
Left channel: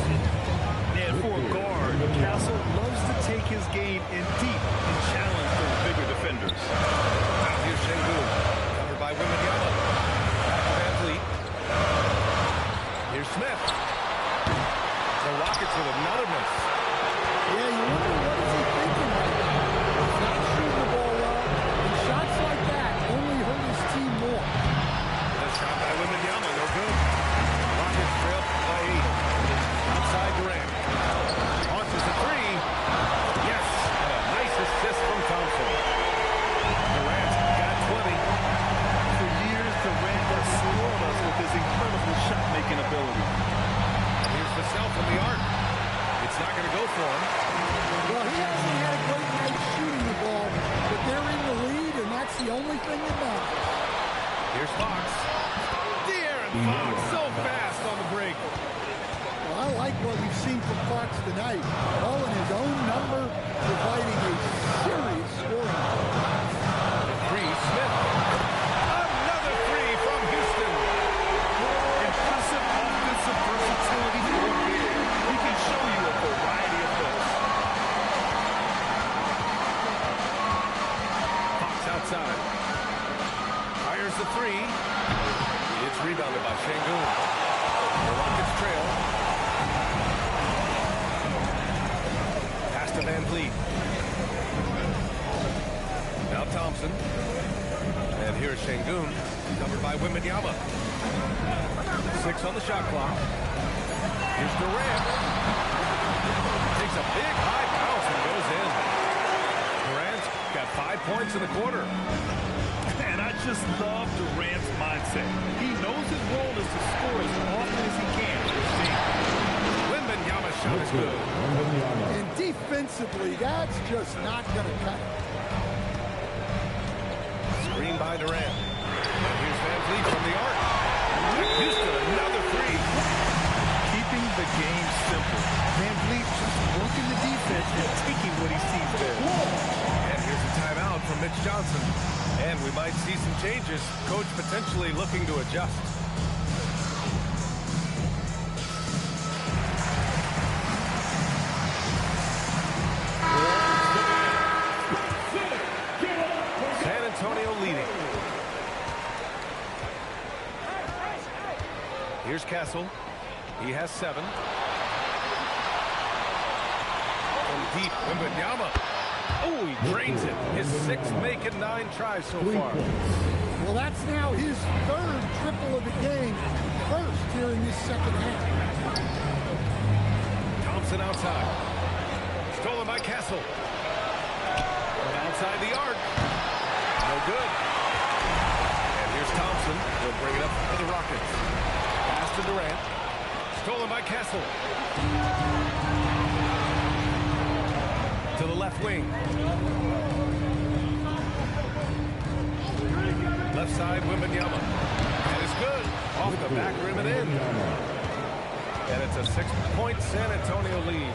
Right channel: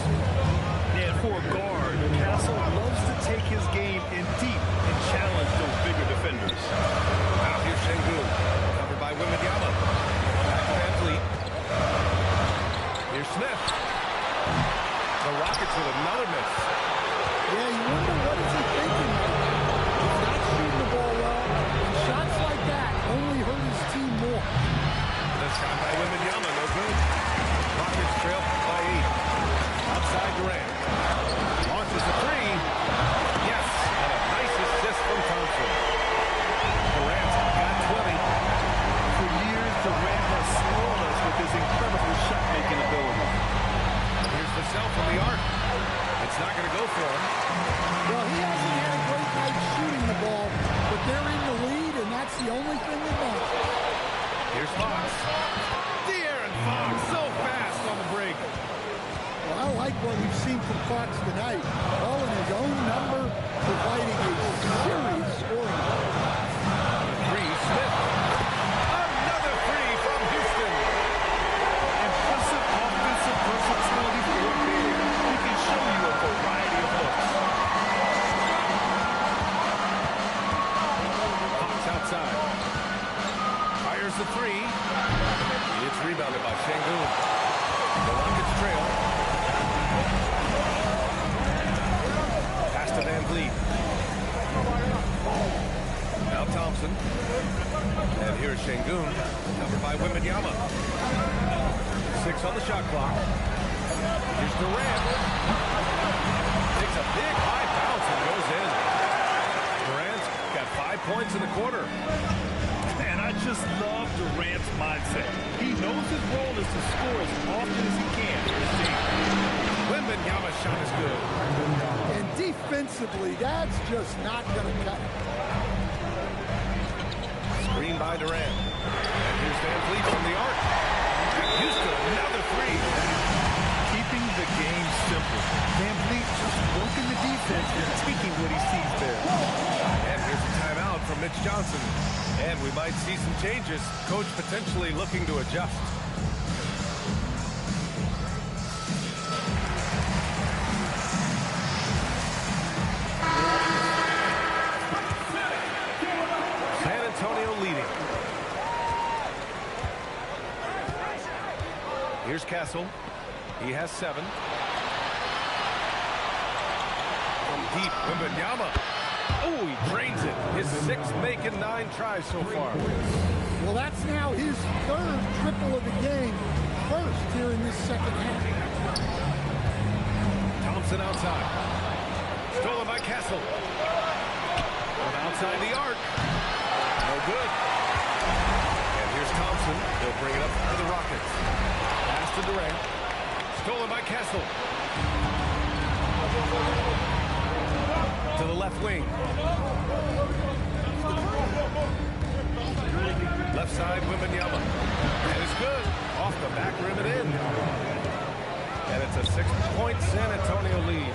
And for a guard, Castle loves to take his game in deep and challenge those bigger defenders. Now here's Şengün. Covered by Wembanyama. Back to Van Vliet. Here's Smith. The Rockets with another miss. Yeah, you wonder what is he thinking right now. He's not shooting the ball well, and shots like that only hurt his team more. The shot by Wembanyama, no good. Rockets trail by 8. Outside Durant. Launches a 3. Yes, and a nice assist from Thompson. Durant's got 20. For years, Durant has spoiled us with his incredible shot-making ability. And here's the sell from the arc. It's not going to go for him. Well, he hasn't had a great night shooting the ball, but they're in the lead, and that's the only thing that matters. Here's Fox. De'Aaron Fox, so fast on the break. Well, I like what we've seen from Fox tonight. All in his own number, providing a serious scoring. The 3, Smith. Another 3 from Houston. Impressive offensive versatility for a big. He can show you a variety of looks. Fox outside. Fires the 3. It's rebounded by Şengün. The Rockets trail. Pass to Van Vliet. Now Thompson. And here's Şengün. Covered by Wembanyama. 6 on the shot clock. Here's Durant. Takes a big high bounce and goes in. Durant's got 5 points in the quarter. And I just love Durant's mindset. He knows his role is to score as often as he can for his team. Wembanyama's shot is good. And defensively, that's just not going to cut it. Screen by Durant. And here's Van Vliet from the arc. And Houston, another 3. Keeping the game simple. Van Vliet just working the defense and taking what he sees there. And here's a timeout from Mitch Johnson. And we might see some changes. Coach potentially looking to adjust. San Antonio leading. Here's Castle. He has 7. From deep, Wembanyama. Oh, he drains it. His 6th make and 9 tries so far. Well, that's now his 3rd triple of the game, first here in this second half. Thompson outside. Stolen by Castle. From outside the arc. No No good. And here's Thompson. He'll bring it up for the Rockets. Pass to Durant. Stolen by Kessel. To the left wing. Left side, Wembanyama. And it's good. Off the back rim and in. And it's a 6-point San Antonio lead.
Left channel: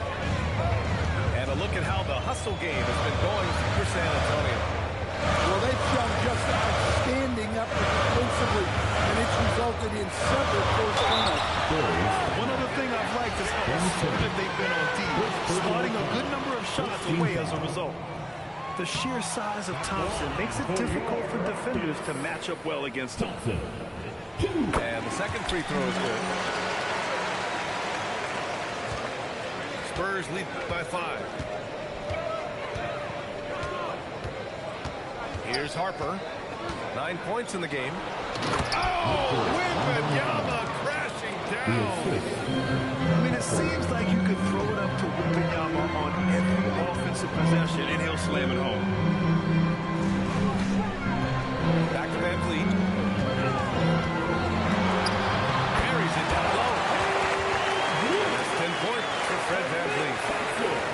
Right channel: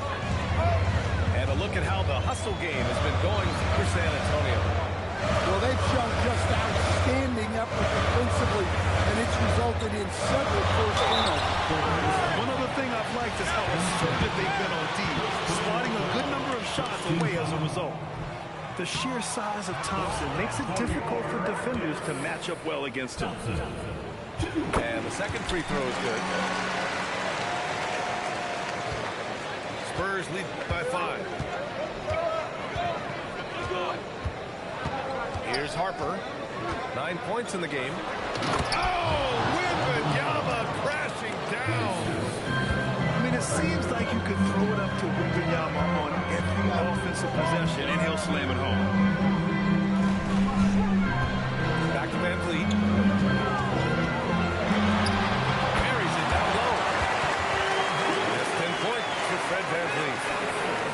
And a look at how the hustle game has been going for San Antonio. Well, they've shown just outstanding effort defensively, and it's resulted in several forced turnovers. One other thing I've liked is how assertive they've been on D, swatting a good number of shots away as a result. The sheer size of Thompson makes it difficult for defenders to match up well against him. And the second free throw is good. Spurs lead by 5. Here's Harper. 9 points in the game. Oh, Wembanyama crashing down. I mean, it seems like you could throw it up to Wembanyama on every offensive possession, and he'll slam it home. Back to Van Vliet. Carries it down low. And that's 10 points for Fred Van Vliet.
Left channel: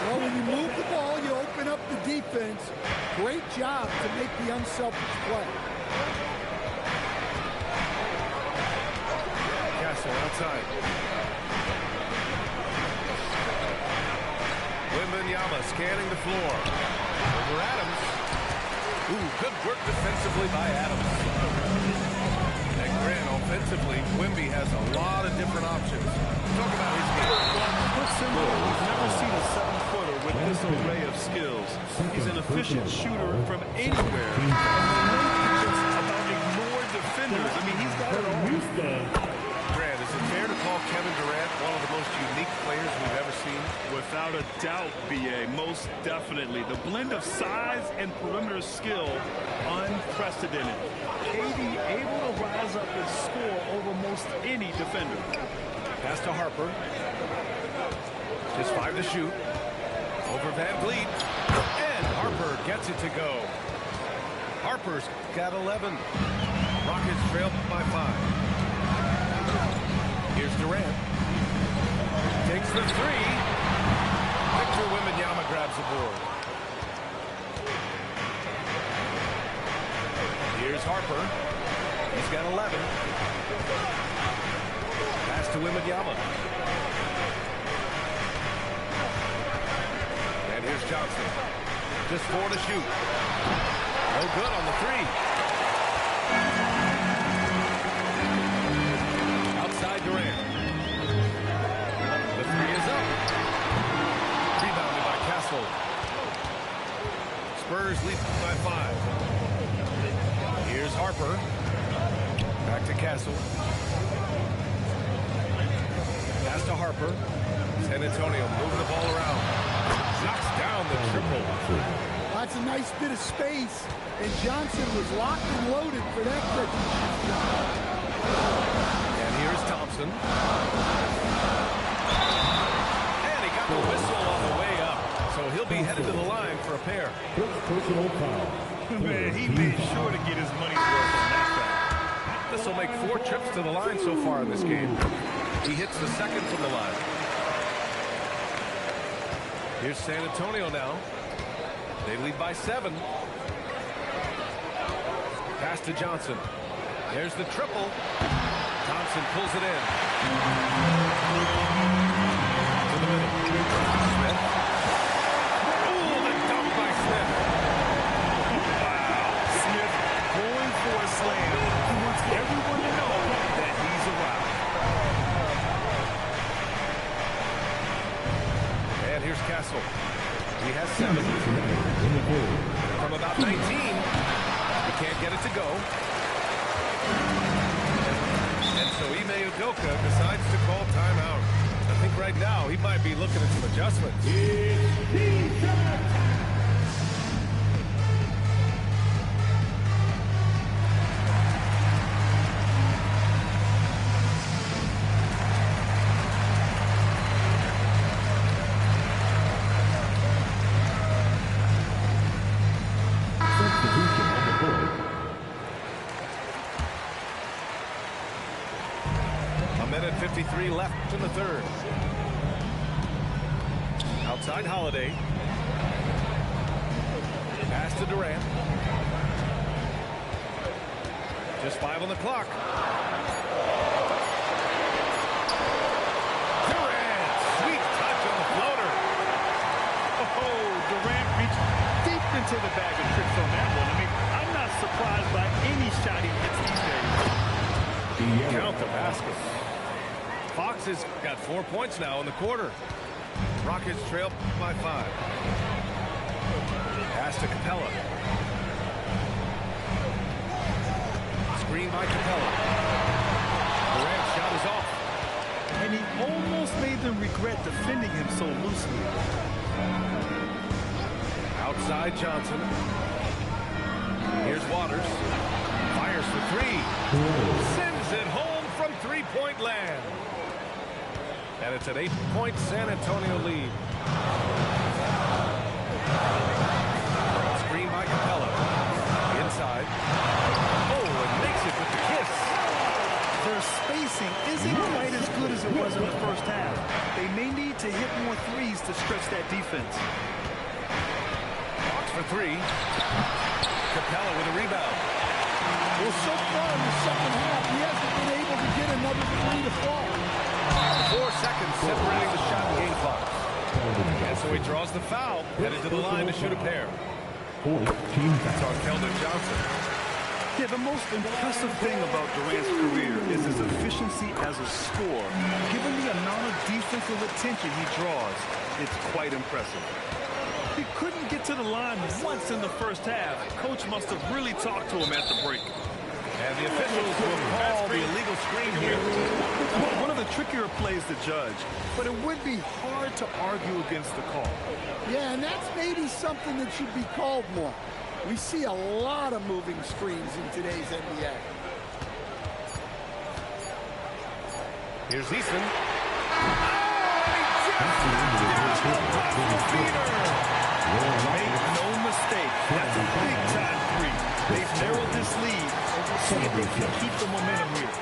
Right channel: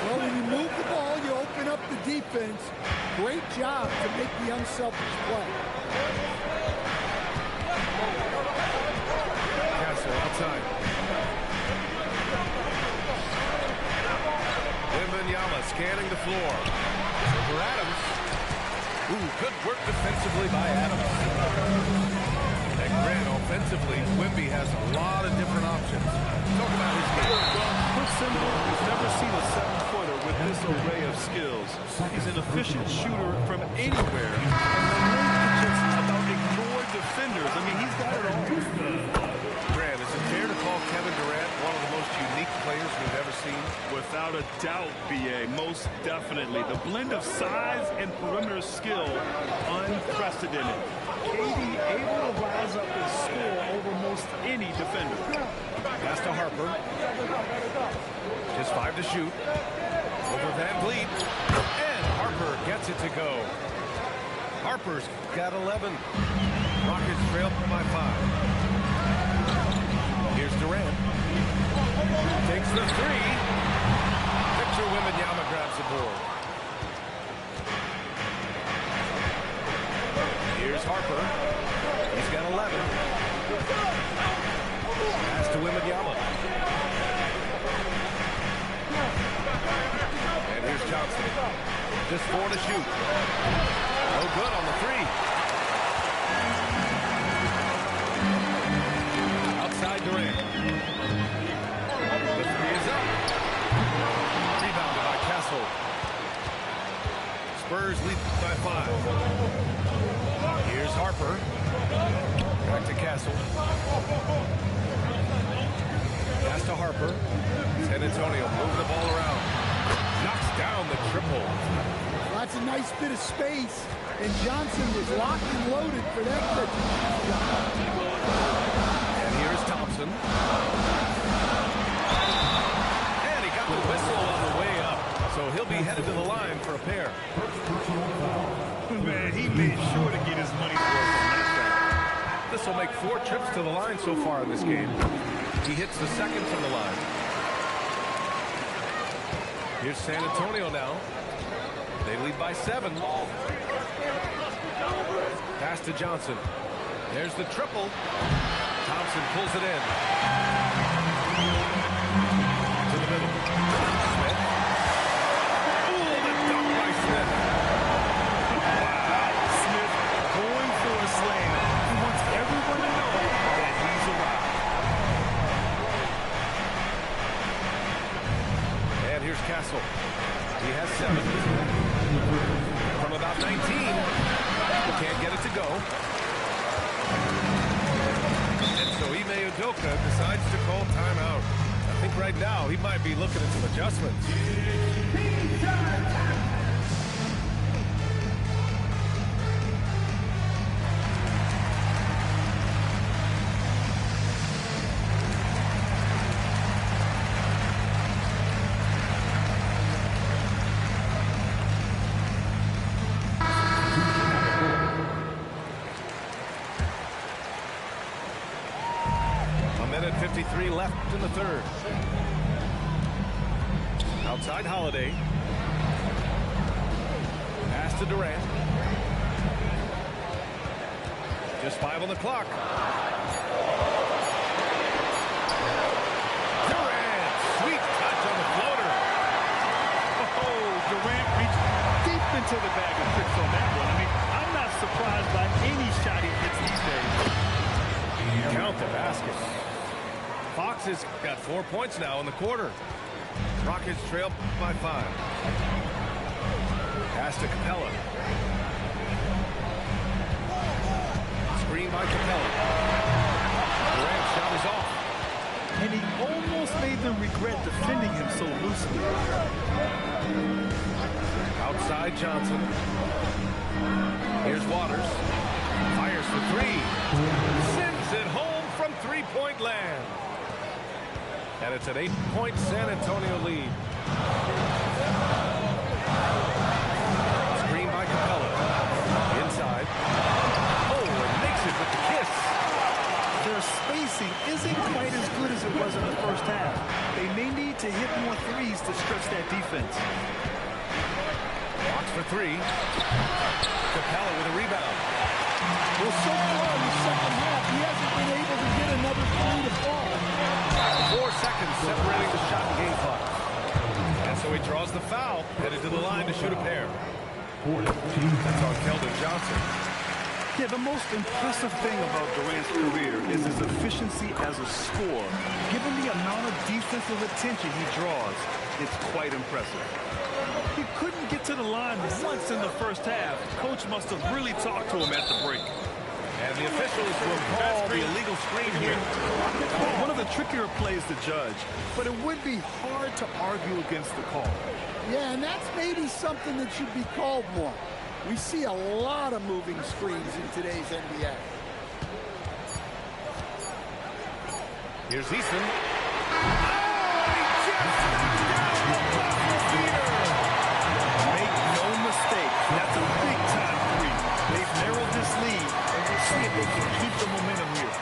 Well, when you move the ball, you open up the defense. Great job to make the unselfish play. Castle outside. Wembanyama scanning the floor. Over Adams. Ooh, good work defensively by Adams. And Grant, offensively, Wemby has a lot of different options. Talk about his game. Well, put simply, we've never seen a 7-footer with this array of skills. He's an efficient shooter from anywhere, and the length is just about ignore defenders. I mean, he's got it all. Grant, is it fair to call Kevin Durant one of the most unique players we've ever seen? Without a doubt, B.A., most definitely. The blend of size and perimeter skill, unprecedented. KD able to rise up and score over most any defender. Pass to Harper. Just 5 to shoot. Over Van Vliet. And Harper gets it to go. Harper's got 11. Rockets trail by 5. Here's Durant. Takes the 3. Victor Wembanyama grabs the board. Here's Harper. He's got 11. Pass to Wembanyama. And here's Johnson. Just 4 to shoot. No good on the 3. Outside Durant. The 3 is up. Rebounded by Castle. Spurs lead by 5. Here's Harper. Back to Castle. Pass to Harper. San Antonio moving the ball around. Knocks down the triple. That's a nice bit of space, and Johnson was locked and loaded for that catch. And here's Thompson. And he got the whistle on the way up. So he'll be headed to the line for a pair. First personal foul. Man, he made sure to get his money's worth on that foul. This will make 4 trips to the line so far in this game. He hits the second from the line. Here's San Antonio now. They lead by 7. Pass to Johnson. There's the triple. Thompson pulls it in. To the middle. Smith. Oh, the dunk by Smith. Wow. Smith going for a slam. He wants everyone to know that he's arrived. And here's Castle. He has 7. From about 19. He can't get it to go. And so Ime Udoka decides to call timeout. I think right now he might be looking at some adjustments. 1:53 left in the third. Outside Holiday. Pass to Durant. Just 5 on the clock. Durant, sweet touch on the floater. Oh, Durant reached deep into the bag of tricks on that one. I mean, I'm not surprised by any shot he hits these days. Count the basket. Fox has got 4 points now in the quarter. Rockets trail by 5. Pass to Capella. Screen by Capella. Durant's shot is off. And he almost made them regret defending him so loosely. Outside Johnson. Here's Waters. Fires for 3. Sends it home from three-point land. And it's an 8-point San Antonio lead. Screen by Capella. Inside. Oh, and makes it with the kiss. Their spacing isn't quite as good as it was in the first half. They may need to hit more threes to stretch that defense. Fox for 3. Capella with a rebound. Well, so far in the second half, he hasn't been able to get another 3 to fall. 4 seconds separating the shot and game clocks. And so he draws the foul, headed to the line to shoot a pair. That's on Keldon Johnson. Yeah, the most impressive thing about Durant's career is his efficiency as a scorer. Given the amount of defensive attention he draws, it's quite impressive. He couldn't get to the line once in the first half. Coach must have really talked to him at the break. And the officials will call the illegal screen here. One of the trickier plays to judge, but it would be hard to argue against the call. Yeah, and that's maybe something that should be called more. We see a lot of moving screens in today's NBA. Here's Easton. Oh, and he just knocked down the buzzer beater. Make no mistake, that's a big-time 3. They've narrowed this lead, and we'll see if they can keep the momentum here.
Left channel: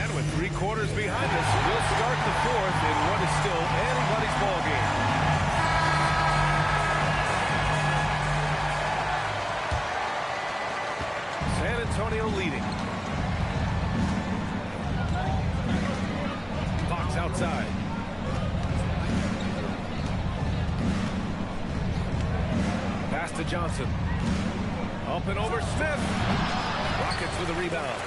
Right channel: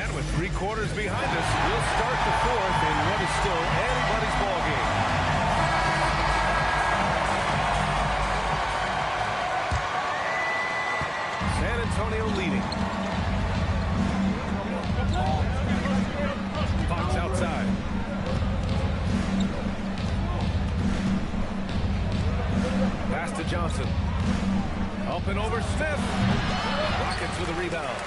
And with 3 quarters behind us, we'll start the 4th in what is still anybody's ball game. San Antonio leading. Fox outside. Pass to Johnson. Up and over Smith. Rockets with a rebound.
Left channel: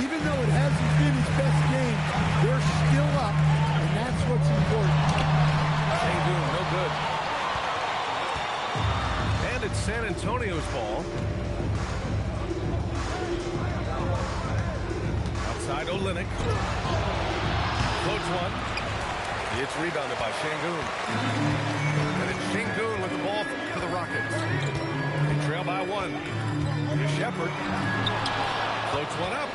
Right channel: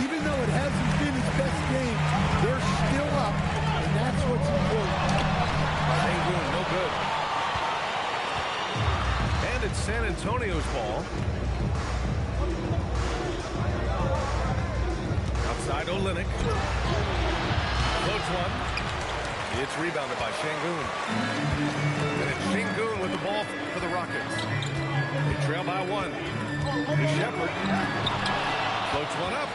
Even though it hasn't been his best game, they're still up, and that's what's important. Sengun, no good. And it's San Antonio's ball. Outside Olynyk. Floats one. It's rebounded by Sengun. And it's Sengun with the ball for the Rockets. They trail by 1. Here's Shepard. Floats one up.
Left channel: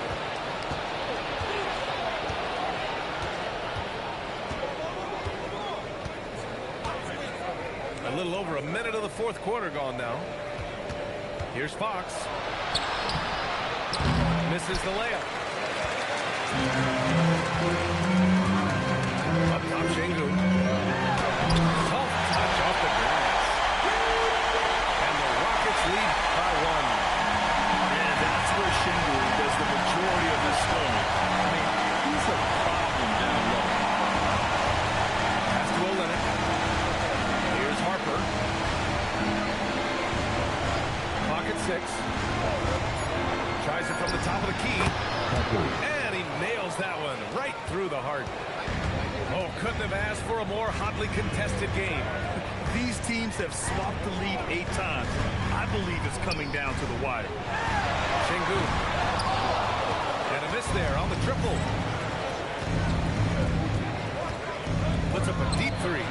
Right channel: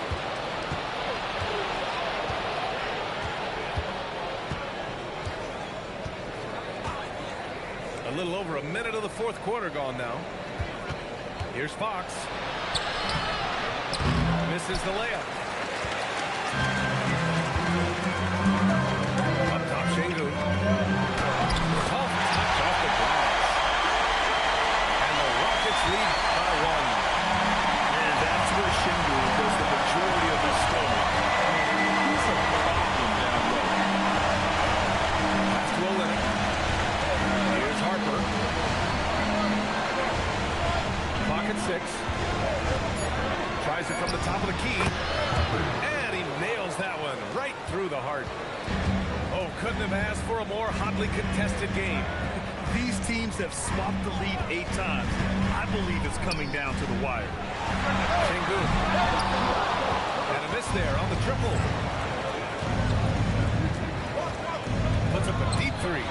A little over a minute of the 4th quarter gone now. Here's Fox. Misses the layup. Up top, Sengun. Soft touch off the glass. And the Rockets lead by 1. And that's where Sengun does the majority of his scoring. I mean, he's a problem down low. Pass to Olynyk. Here's Harper. Clock at 6. Tries it from the top of the key. And he nails that one right through the heart. Oh, couldn't have asked for a more hotly contested game. These teams have swapped the lead 8 times. I believe it's coming down to the wire. Sengun. And a miss there on the triple. Puts up a deep 3.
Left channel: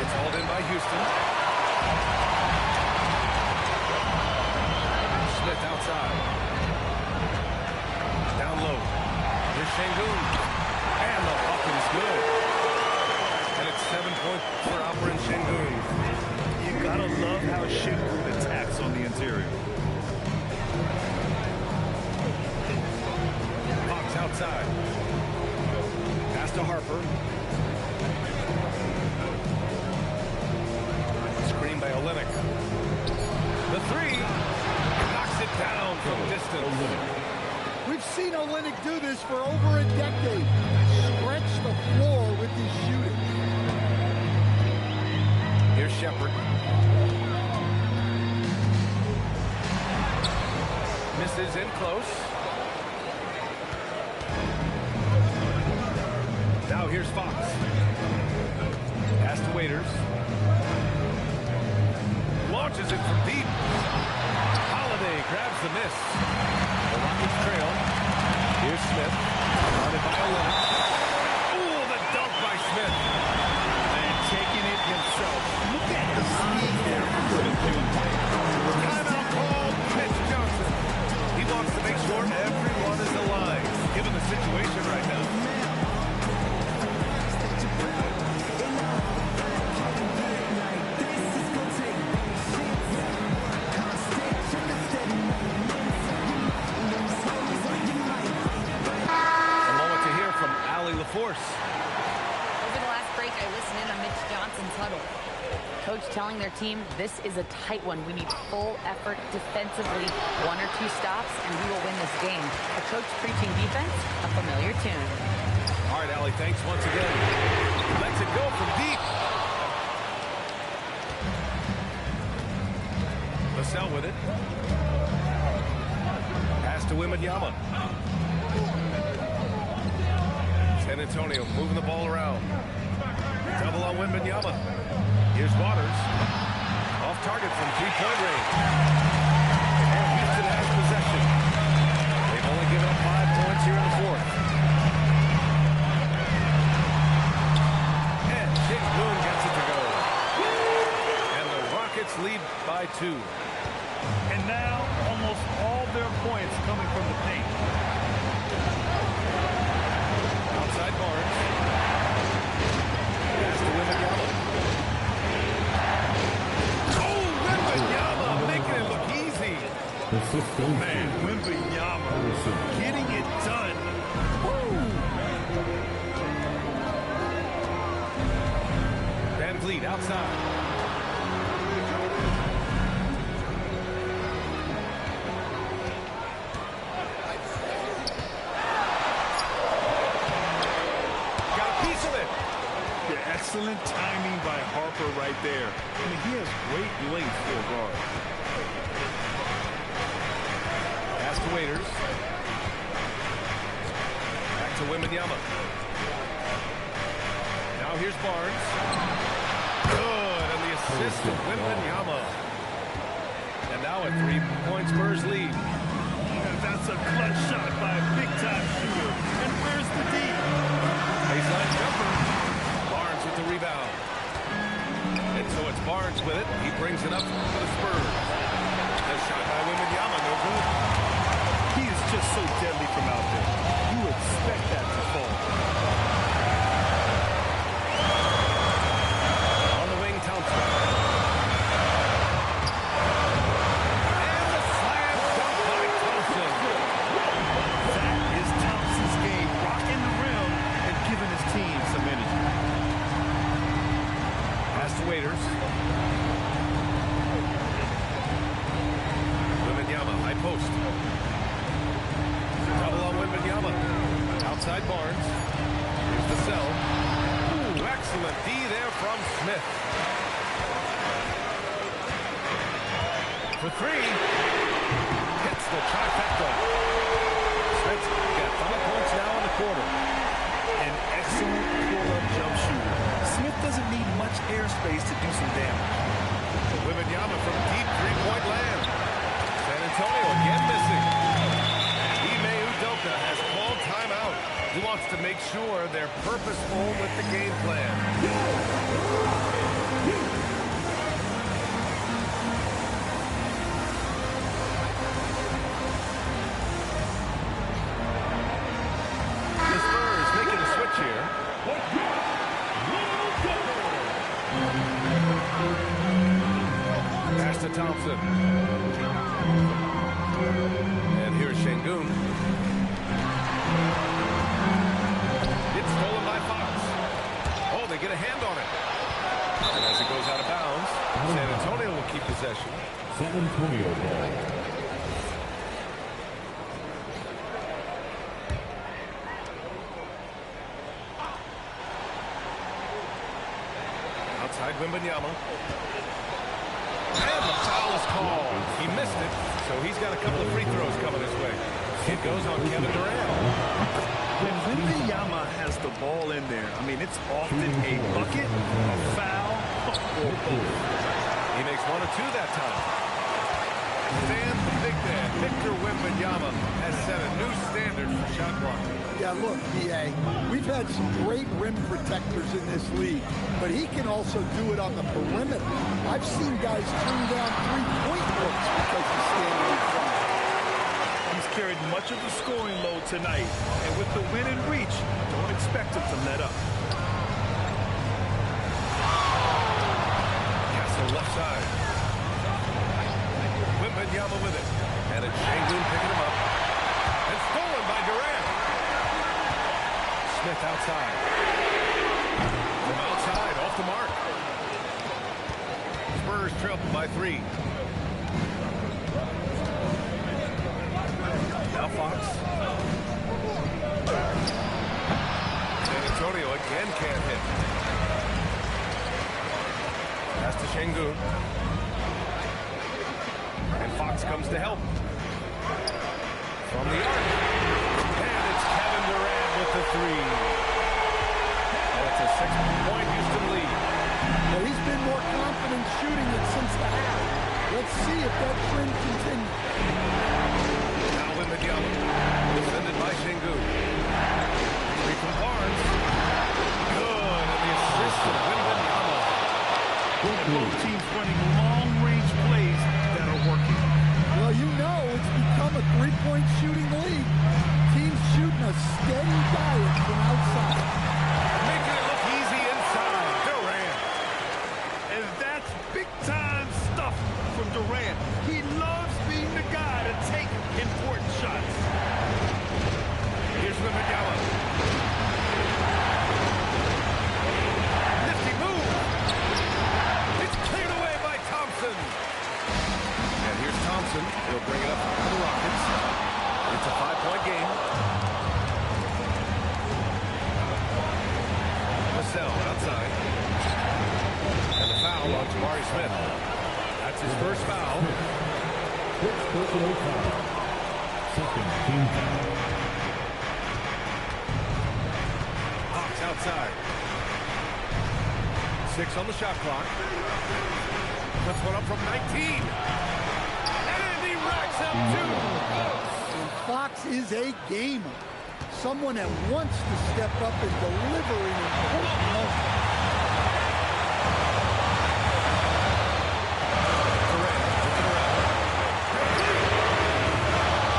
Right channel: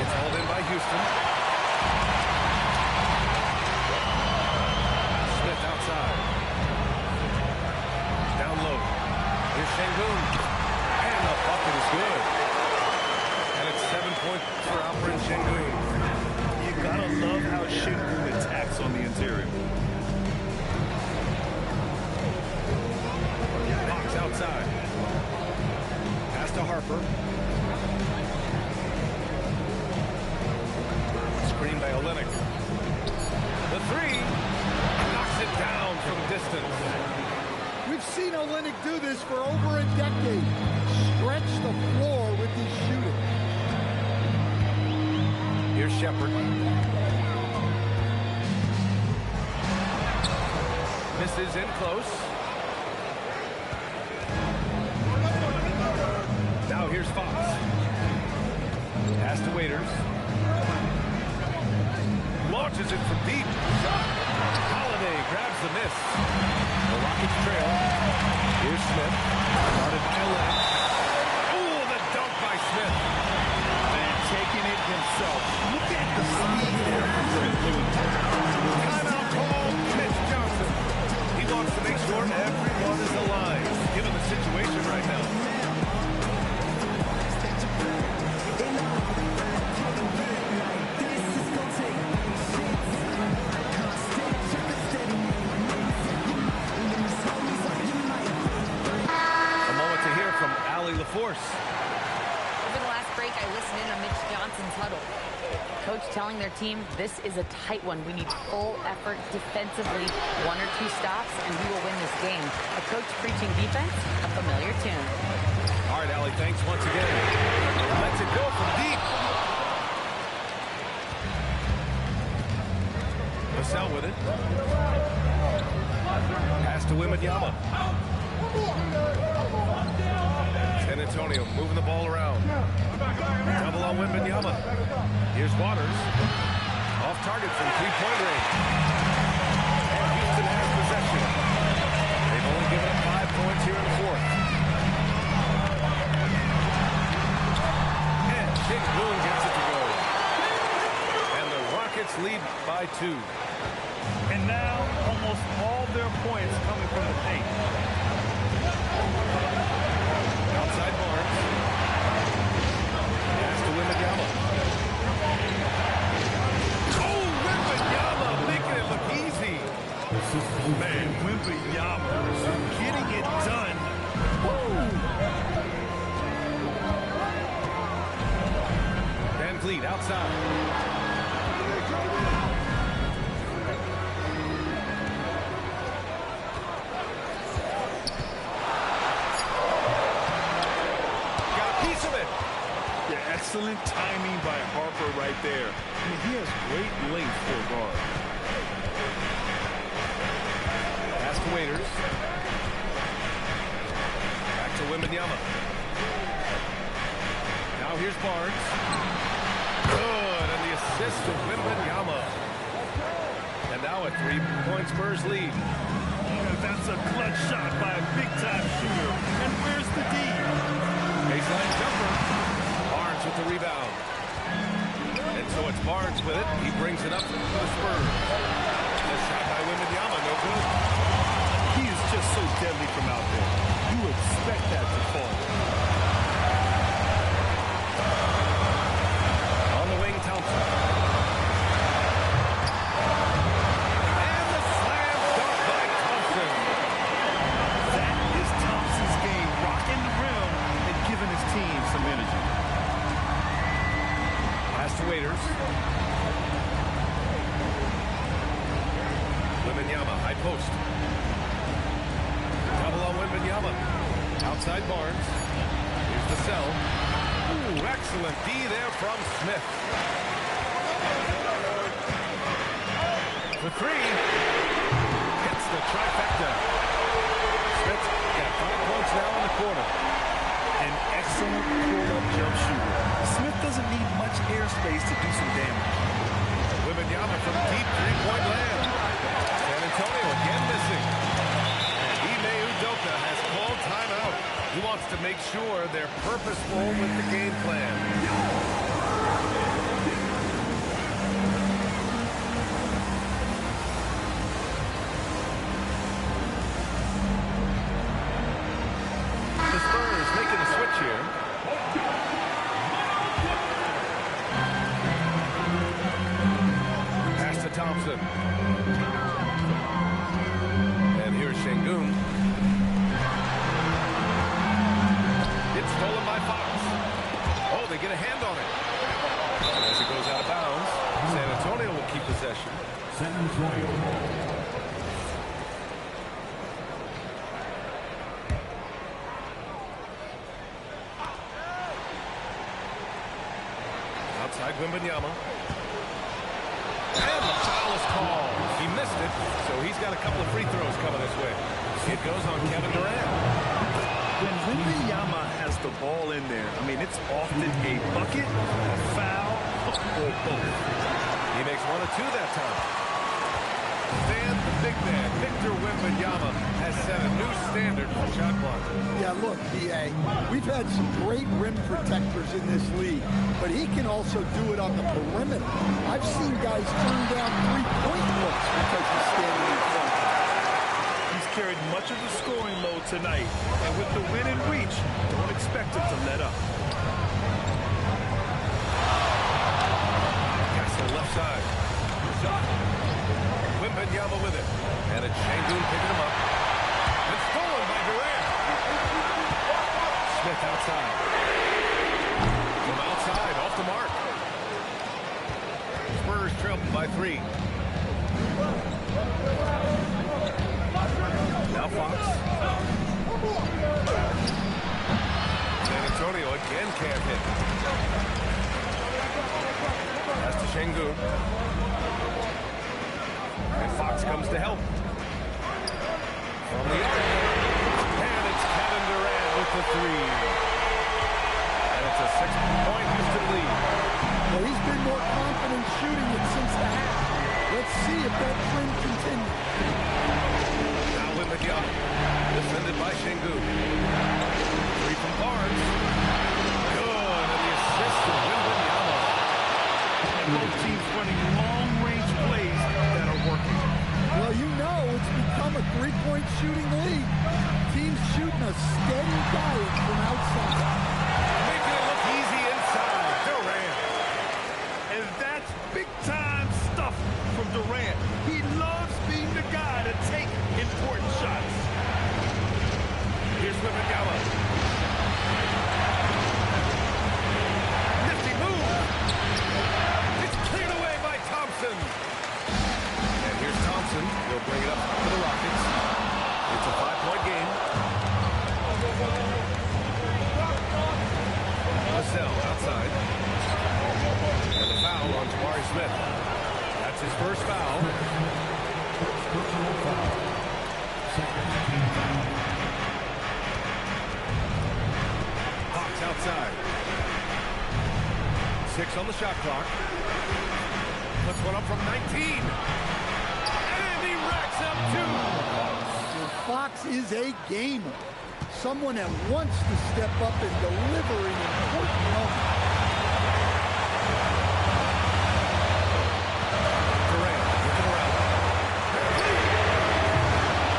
It's hauled in by Houston. Smith outside. Down low. Here's Sengun. And the bucket is good. And it's 7 points for Alperen Sengun. You gotta love how Sengun attacks on the interior. outside. Pass to Harper. Screen by Olenek. The three. Knocks it down from distance. We've seen Olenek do this for over a decade. Stretch the floor with his shooting. Here's Shepard. Misses in close. Now here's Fox. Pass to Waiters. Launches it from deep. Holiday grabs the miss. The Rockets trail. Here's Smith. Guarded by Olenek. Oh, the dunk by Smith. And taking it himself. Look at the speed there from Smith Jr. Timeout called. Mitch Johnson. He wants to make sure everyone is alive, given the situation right now. From Allie LaForce. Over the last break, I listened in on Mitch Johnson's huddle. Coach telling their team, this is a tight one. We need full effort defensively. 1 or 2 stops, and we will win this game. A coach preaching defense, a familiar tune. All right, Allie, thanks once again. Lets it go from deep. Vassell with it. Pass to Wembanyama. San Antonio moving the ball around. Double on Wembanyama. Here's Waters. Off target from three-point range. And Houston has possession. They've only given up 5 points here in the fourth. And Shingun gets it to go. And the Rockets lead by 2. And now almost all their points coming from the paint. Outside Barnes. Pass to Wembanyama. Oh, Wembanyama making it look easy. Man, Wembanyama getting it done. Woo! Van Vliet outside. Excellent timing by Harper right there. I mean, he has great length for a guard. Pass to Waiters. Back to Wembanyama. Now here's Barnes. Good, and the assist to Wembanyama. And now a 3-point Spurs lead. And that's a clutch shot by a big-time shooter. And where's the D? Baseline jumper. Barnes with the rebound. And so it's Barnes with it. He brings it up for the Spurs. The shot by Wembanyama, no good. He is just so deadly from out there. You expect that to fall. On the wing, Thompson. And the slam dunk by Thompson. That is Thompson's game, rocking the rim and giving his team some energy. Pass to Waiters. Wembanyama, high post. Double on Wembanyama. Outside Barnes. Here's the cell. Ooh, excellent D there from Smith. For 3. Hits the trifecta. Smith's got 5 points now in the quarter. An excellent pull-up jump shooter. Smith doesn't need much airspace to do some damage. Wembanyama from deep three-point land. San Antonio again missing. And Ime Udoka has called timeout. He wants to make sure they're purposeful with the game plan. The Spurs making a switch here. Pass to Thompson. And here's Shingun. It's stolen by Fox. Oh, they get a hand on it. And as it goes out of bounds, San Antonio will keep possession. San Antonio ball. Outside Wembanyama. And the foul is called. He missed it, so he's got a couple of free throws coming his way. It goes on Kevin Durant. When Wembanyama has the ball in there, I mean, it's often a bucket, a foul, or both. He makes one or two that time. Stan, the big man, Victor Wembanyama, has set a new standard for shot blocking. Yeah, look, B.A., we've had some great rim protectors in this league, but he can also do it on the perimeter. I've seen guys turn down three-point looks because he's standing in front. He's carried much of the scoring load tonight, and with the win and reach, don't expect him to let up. Castle left side. Wembanyama with it. And it's Şengün picking him up. And stolen by Durant. Smith outside. From outside, off the mark. Spurs trail by 3. Now Fox. San Antonio again can't hit. Pass to Şengün. And Fox comes to help. From the arc. And it's Kevin Durant with the 3. And it's a 6-point Houston lead. Well, he's been more confident shooting it since the half. Let's see if that trend continues. Now Wembanyama. Defended by Şengün. 3 from Barnes. Good. And the assist to Wembanyama. And both teams running long-range plays that are working. Well, you know it's become a three-point shooting league. Teams shooting a steady diet from outside. Making it look easy inside. Durant. And that's big-time stuff from Durant. He loves being the guy to take important shots. Here's Wembanyama. Nifty move. It's cleared away by Thompson. And here's Thompson. He'll bring it up for the Rockets. It's a 5-point game. Vassell outside. And the foul on Jabari Smith. That's his first foul. First personal foul. Second team foul. Hawks outside. 6 on the shot clock. Puts one up from 19. And he racks up 2. And Fox is a gamer. Someone that wants to step up and deliver in important moments. Durant looking around.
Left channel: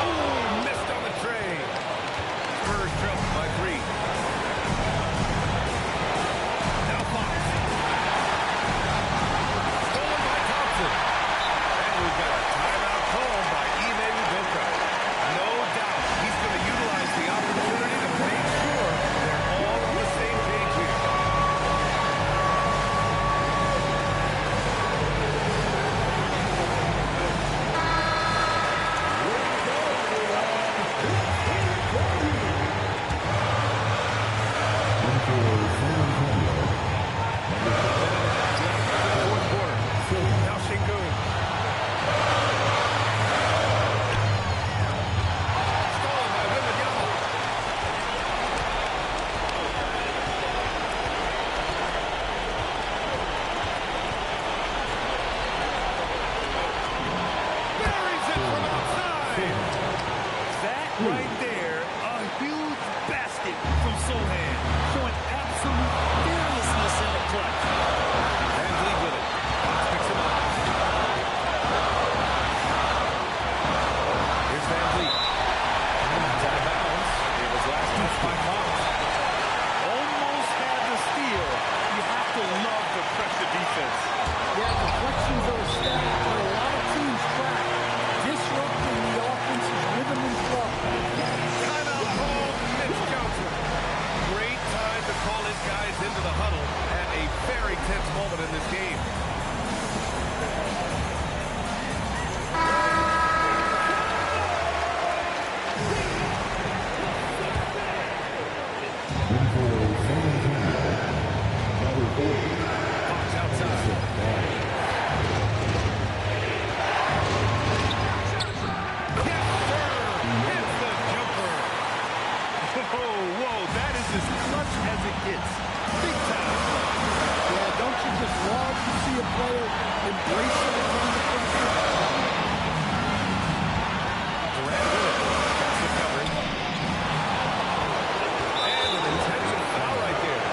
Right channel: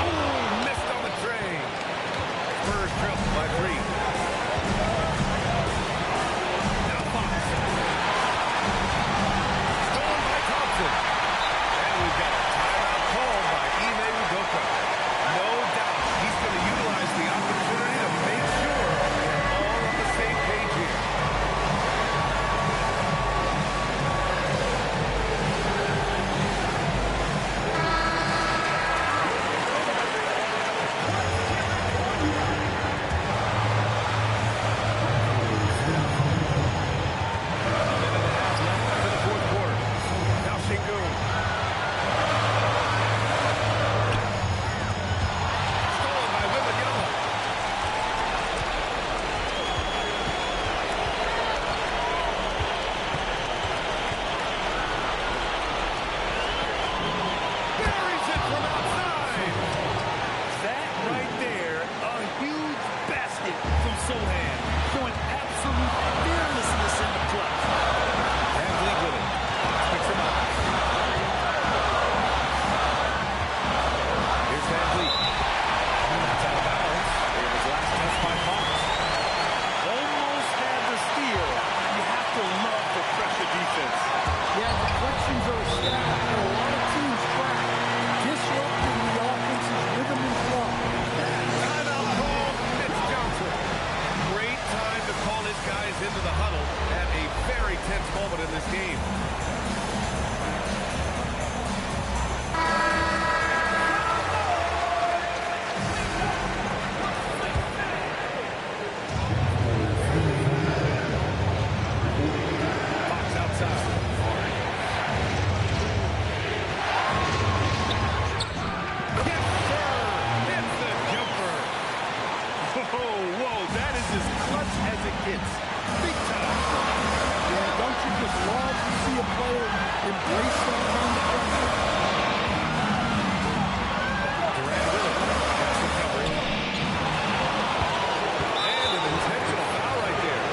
Oh, missed on the tray. Spurs trail by 3. Now Fox. Stolen by Thompson. And we've got a timeout called by Ime Udoka. No doubt he's going to utilize the opportunity to make sure they're all on the same page here. A minute and a half left to the fourth quarter. Now Şengün. this game. Fox outside. Yes, sir! Hits the jumper. Whoa, that is as clutch as it gets. Big time clutch. Yeah, don't you just love to see a player embrace that kind of pressure? Durant with it. Castle covering. And an intentional foul right there.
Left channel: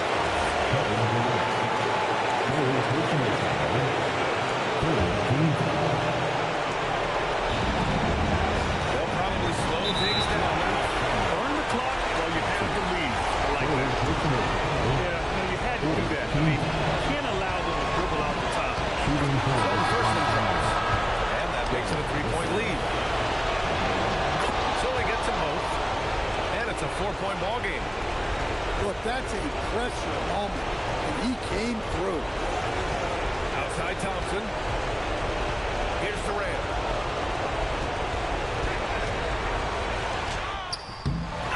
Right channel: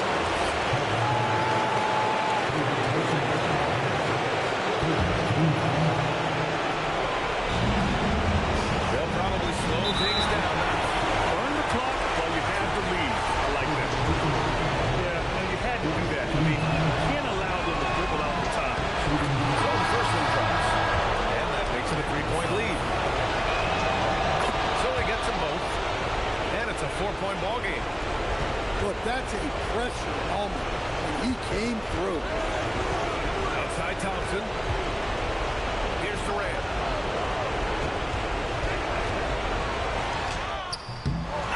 They'll probably slow things down now. Burn the clock while you have the lead. I like that. Yeah, no, you had to do that. I mean, you can't allow them to dribble out the top. So the first one drops. And that makes it a 3-point lead. So he gets them both. And it's a 4-point ball game. Look, that's a pressure moment, and he came through. Outside Thompson. Here's Durant.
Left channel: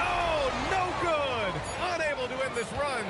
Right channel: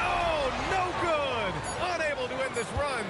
Oh, no good! Unable to end this run.